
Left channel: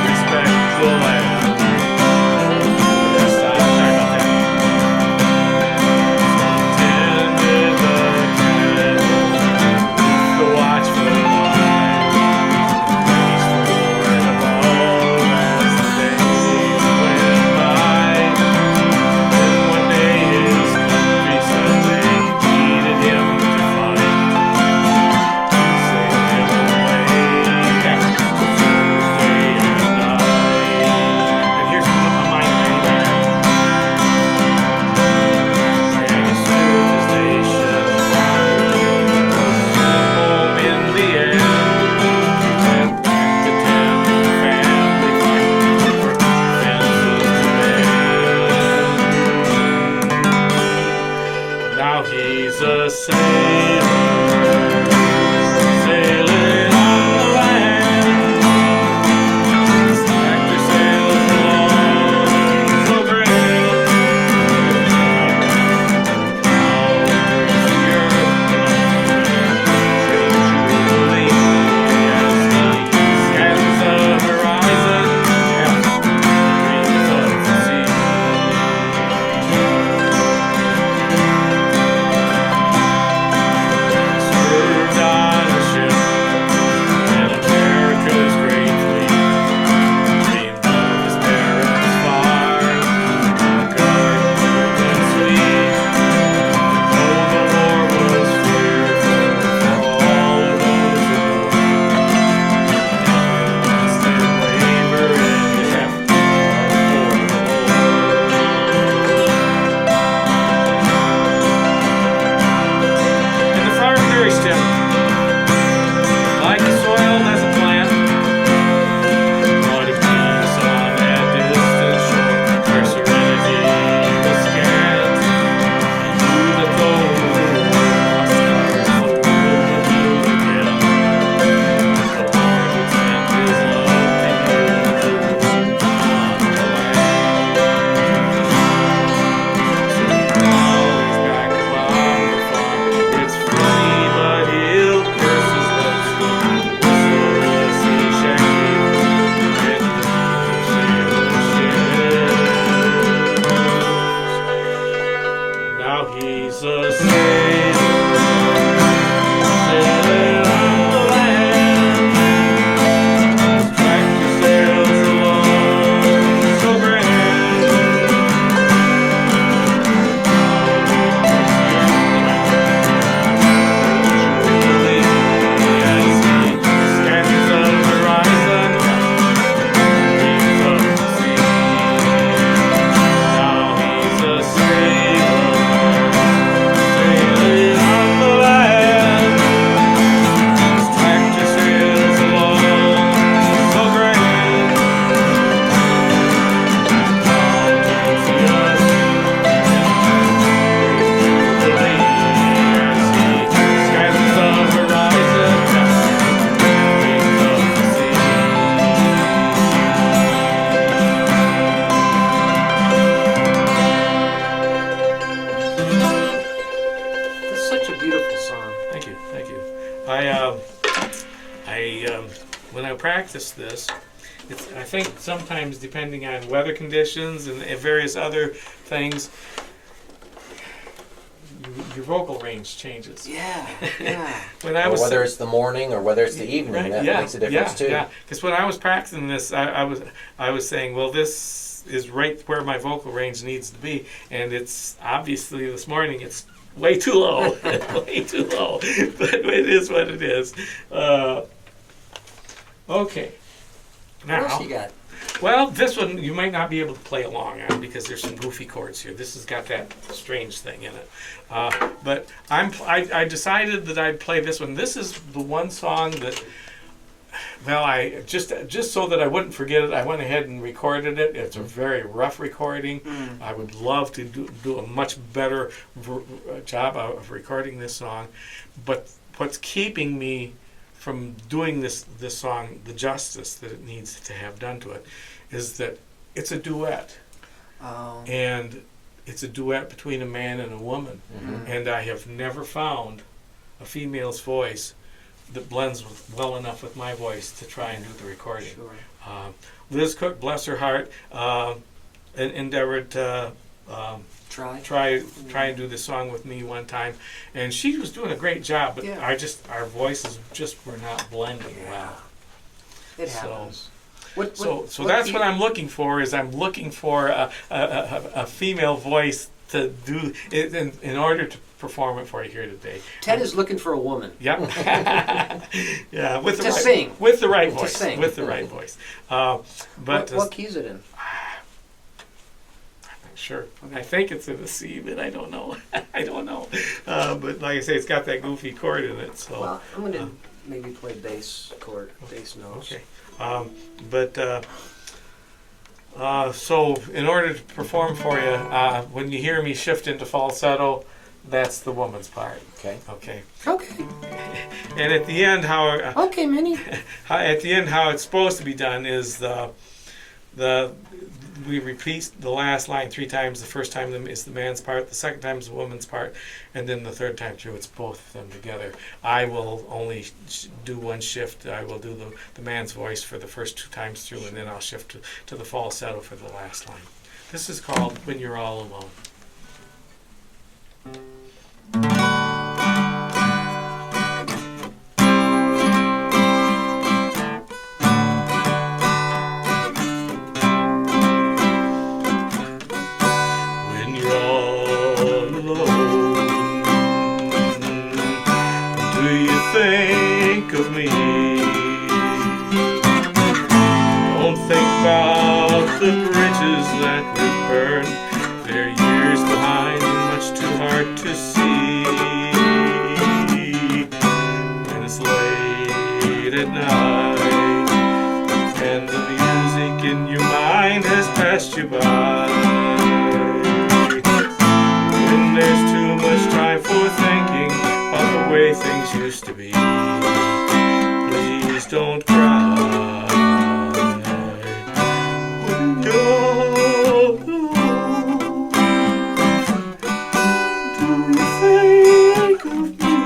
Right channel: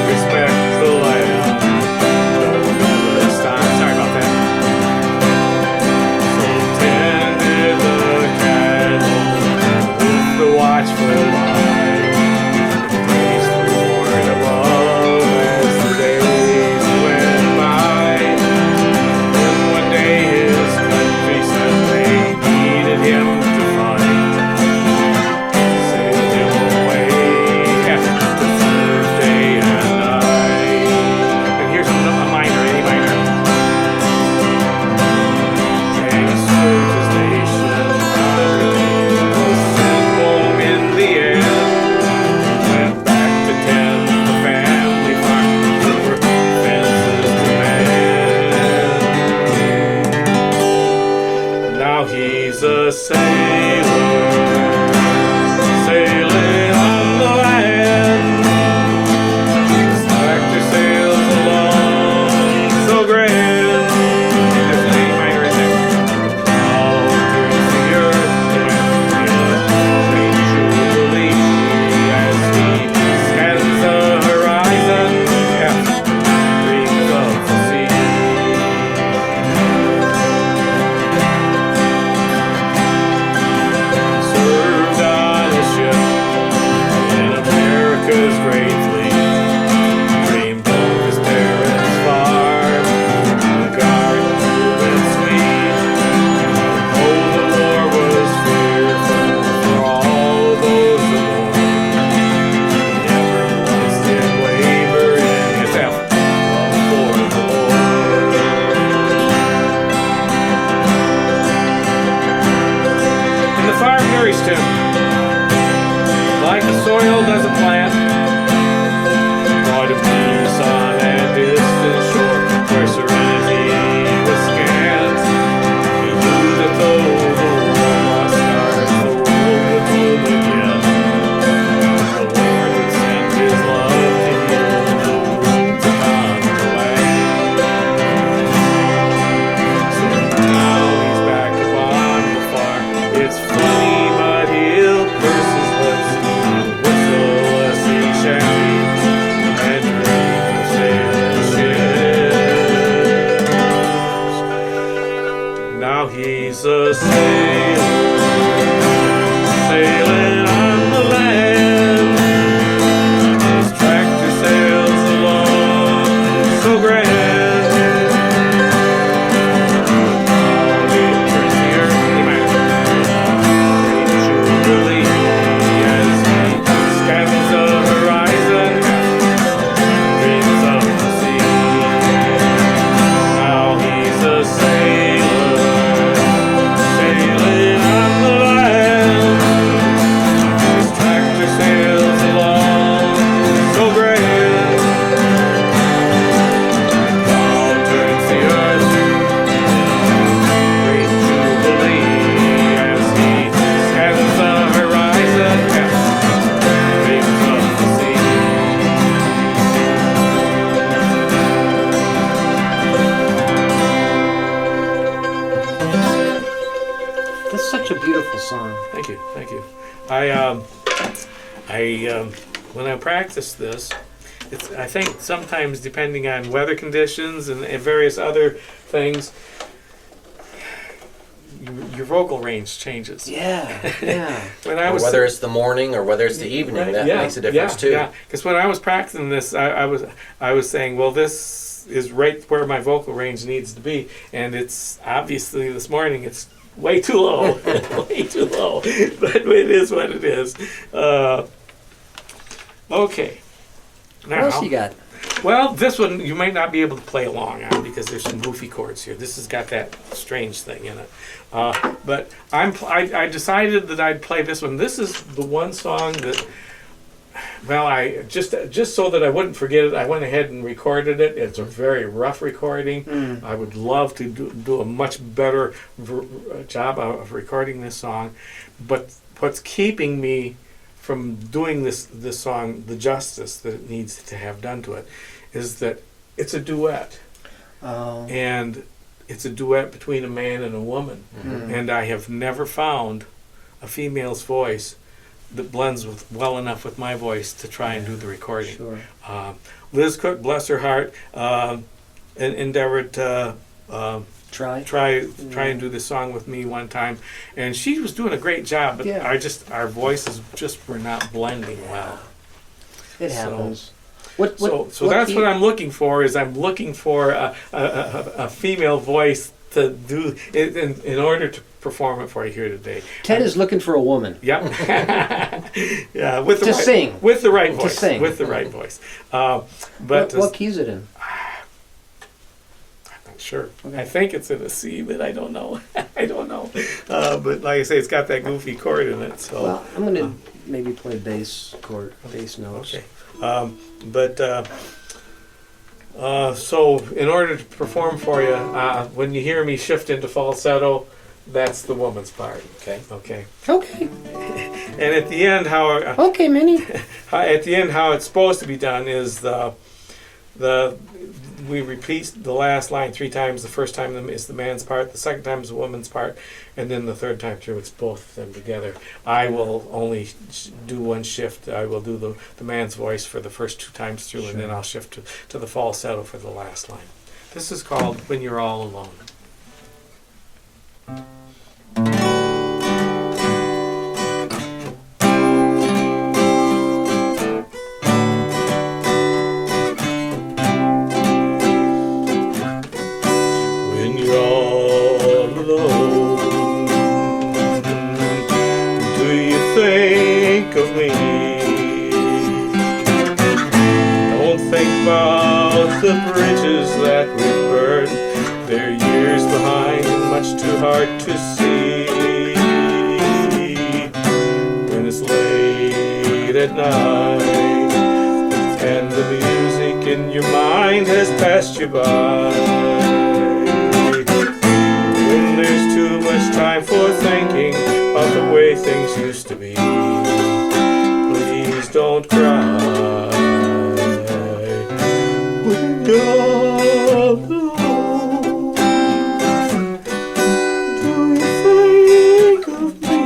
When I practice this, I think sometimes depending on weather conditions and various other things, your vocal range changes. Yeah, yeah. When I Or was whether it's the morning or whether it's the evening, that makes a difference too. Yeah, because when I was practicing this, I was saying, well, this is right where my vocal range needs to be, and it's obviously this morning it's way too low, way too low. But it is what it is. Okay. What else you got? Well, this one you might not be able to play along on because there's some goofy chords here. This has got that strange thing in it. But I decided that I'd play this one. This is the one song that, well, I just so that I wouldn't forget it, I went ahead and recorded it. It's a very rough recording. I would love to do a much better job of recording this song. But what's keeping me from doing this song the justice that it needs to have done to it is that it's a duet. Oh. And it's a duet between a man and a woman. Mm-hmm. And I have never found a female's voice that blends well enough with my voice to try and do the recording. Sure. Liz Cook, bless her heart, endeavored to try and do this song with me one time, and she was doing a great job, but Yeah. our voices just were not blending well. It So- happens. So that's what I'm looking for. I'm looking for a female voice to do it in order to perform it for you here today. Ted is looking for a woman. Yeah, yeah, with the To right, sing. with the right To voice, sing. with the right voice. But What key is it in? sure, Okay. I think it's in a C, but I don't know. I don't know. But like I say, it's got that goofy chord in it. So. Well, I'm gonna maybe play bass chord, bass notes. Okay. So in order to perform for you, when you hear me shift into falsetto, that's the woman's part. Okay. Okay. Okay. And at the end, Okay, Minnie. how it's supposed to be done is we repeat the last line 3 times. The first time is the man's part, the second time is the woman's part, and then the third time through it's both of them together. I will only do one shift. I will do the man's voice for the first 2 times through, and then I'll shift to the falsetto for the last line. This is called When You're All Alone. When you're all alone, do you think of me? Don't think about the bridges that we burned. They're years behind and much too hard to see. When it's late at night and the music in your mind has passed you by, when there's too much time for thinking of the way things used to be, please don't cry. When you're all alone, do you think of me?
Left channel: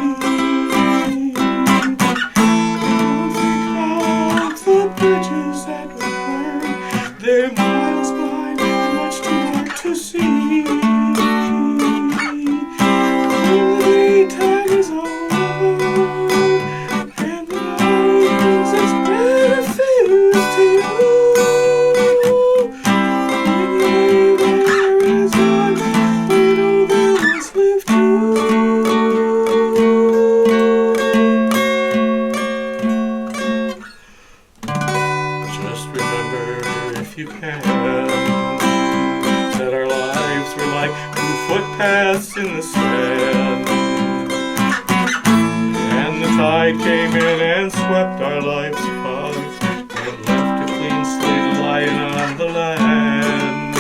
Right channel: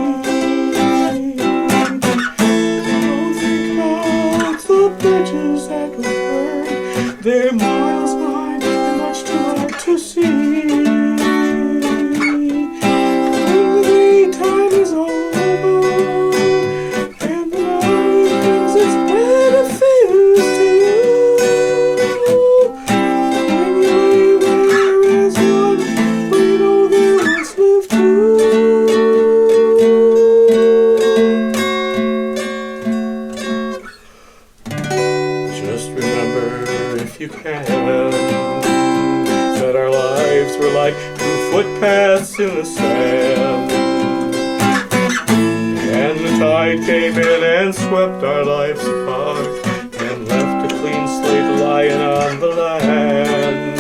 Don't think about the bridges that we burned. They're miles behind and much too hard to see. When the time is over and the night brings its benefits to you, when there is one, I know there is left to. Just remember, if you can, that our lives were like 2 footpaths in the sand, and the tide came in and swept our lives apart and left a clean slate lying on the land.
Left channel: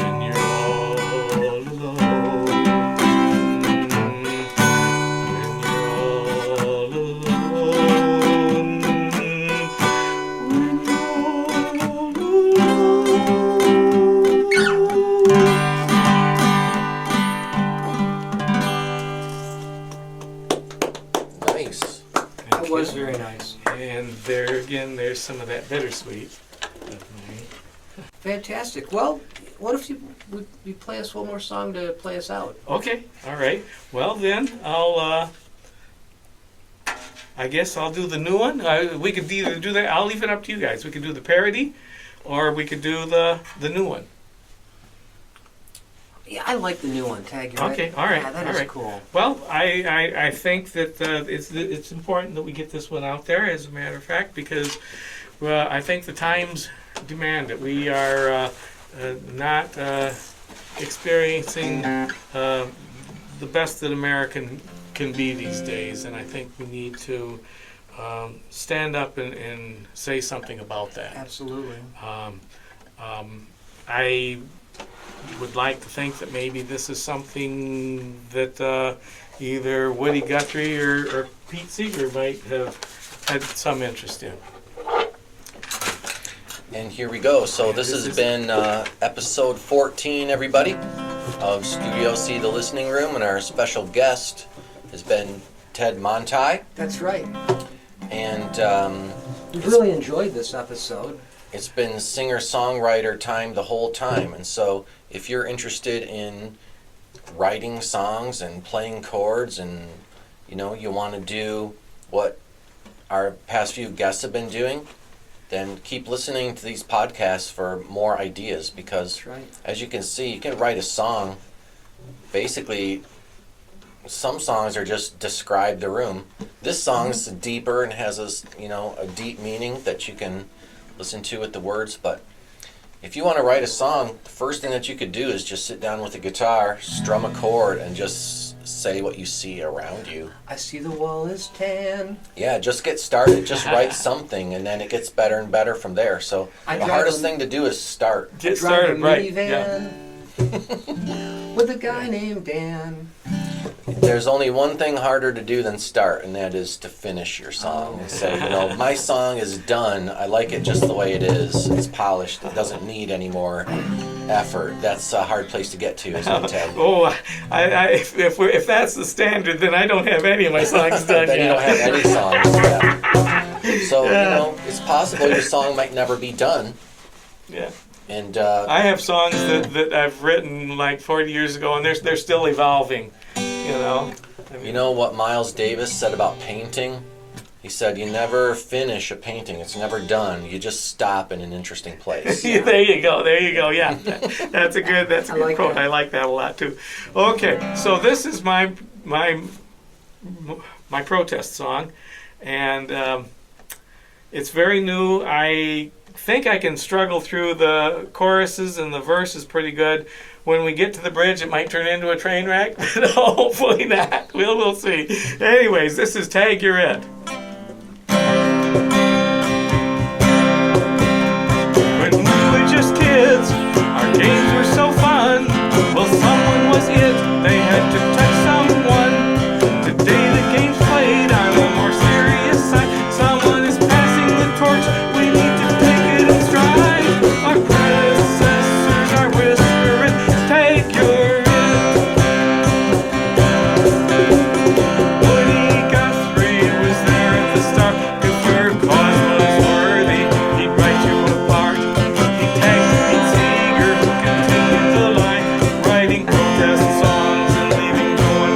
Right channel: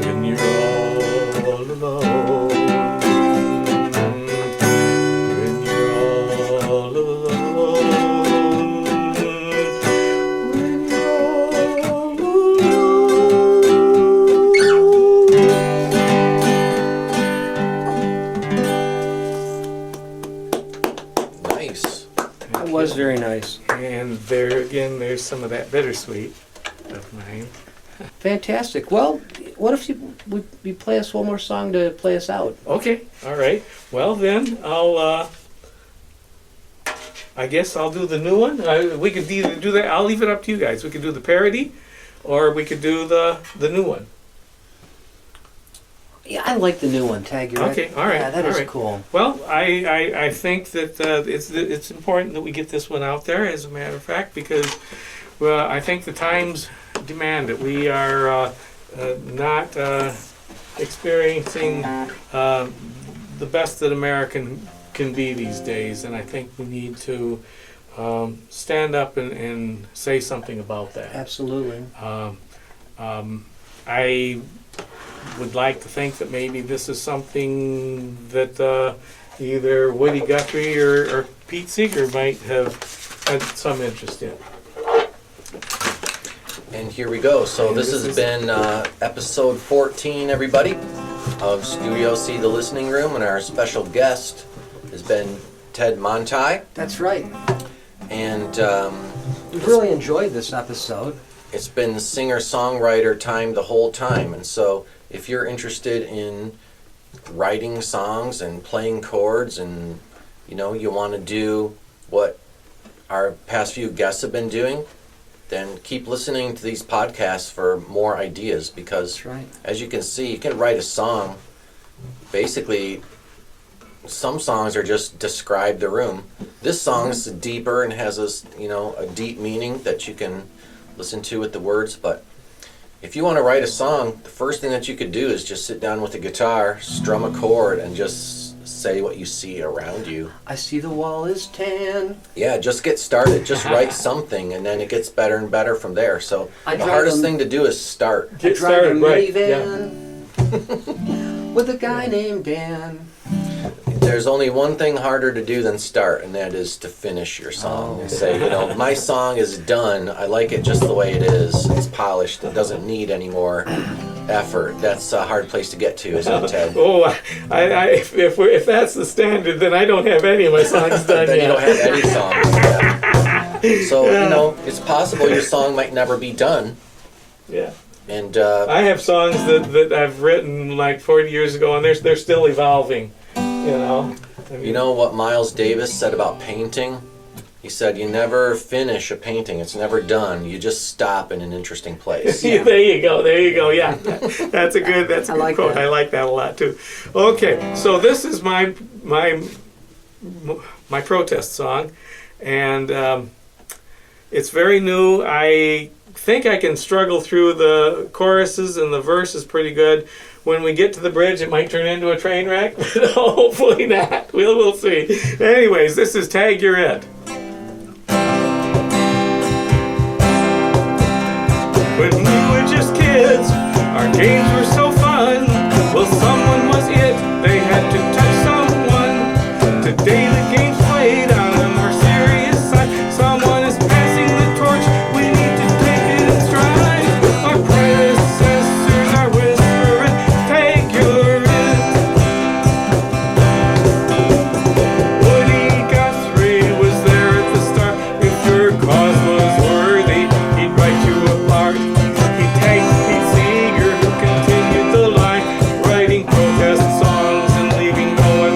When you're all alone, when you're all alone, when you're all alone. bittersweet of mine. Fantastic. Well, what if you play us one more song to play us out? Okay, all right. Well then, I guess I'll do the new one. We could either do that. I'll leave it up to you guys. We could do the parody, or we could do the new one. Yeah, I like the new one, Tag. You're Okay, all right, Yeah, that all is right. cool. Well, I think that it's important that we get this one out there, as a matter of fact, because I think the times demand it. We are not experiencing the best that American can be these days, and I think we need to stand up and say something about that. Absolutely. I would like to think that maybe this is something that either Woody Guthrie or Pete Seeger might have had some interest in. And here we go. So this has been episode 14, everybody, of Studio C, the Listening Room, and our special guest has been Ted Montie. That's right. And We've really enjoyed this episode. it's been singer-songwriter time the whole time. And so if you're interested in writing songs and playing chords, and you want to do what our past few guests have been doing, then keep listening to these podcasts for more ideas, because That's right. as you can see, you can write a song. Basically, some songs are just describe the room. This song's deeper and has a deep meaning that you can listen to with the words. But if you want to write a song, the first thing that you could do is just sit down with a guitar, strum a chord, and just say what you see around you. I see the wall is tan. Yeah, just get started. Just write something, and then it gets better and better from there. So I the drive hardest a- thing to do is start. I Get drive started, a right? Yeah. minivan with a guy named Dan. There's only one thing harder to do than start, and that is to finish your song. And say, my song is done. I like it just the way it is. It's polished. It doesn't need any more effort. That's a hard place to get to, isn't it, Ted? Oh, if that's the standard, then I don't have any of my songs done Then yet. you don't have any songs. Yeah. So, it's possible your song might never be done. Yeah. And I have songs that I've written like 40 years ago, and they're still evolving. you know what Miles Davis said about painting? He said, you never finish a painting. It's never done. You just stop in an interesting place. Yeah. There you go. Yeah, that's a good I like quote. that. I like that a lot too. Okay, so this is my protest song, and it's very new. I think I can struggle through the choruses, and the verse is pretty good. When we get to the bridge, it might turn into a train wreck, but hopefully not. We'll see. Anyways, this is Tag You're It. When we were just kids, our games were so fun. Well, someone was it, they had to touch someone. Today the game's played on a more serious side. Someone is passing the torch, we need to take it in stride. Our predecessors are whispering, take your it. Woody Guthrie was there at the start. If your cause was worthy, he'd write you apart. He tagged Pete Seeger, who continued the line, writing protest songs and leaving no one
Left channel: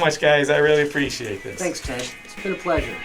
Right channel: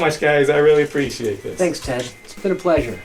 much, guys. I really appreciate this. Thanks, Ted. It's been a pleasure.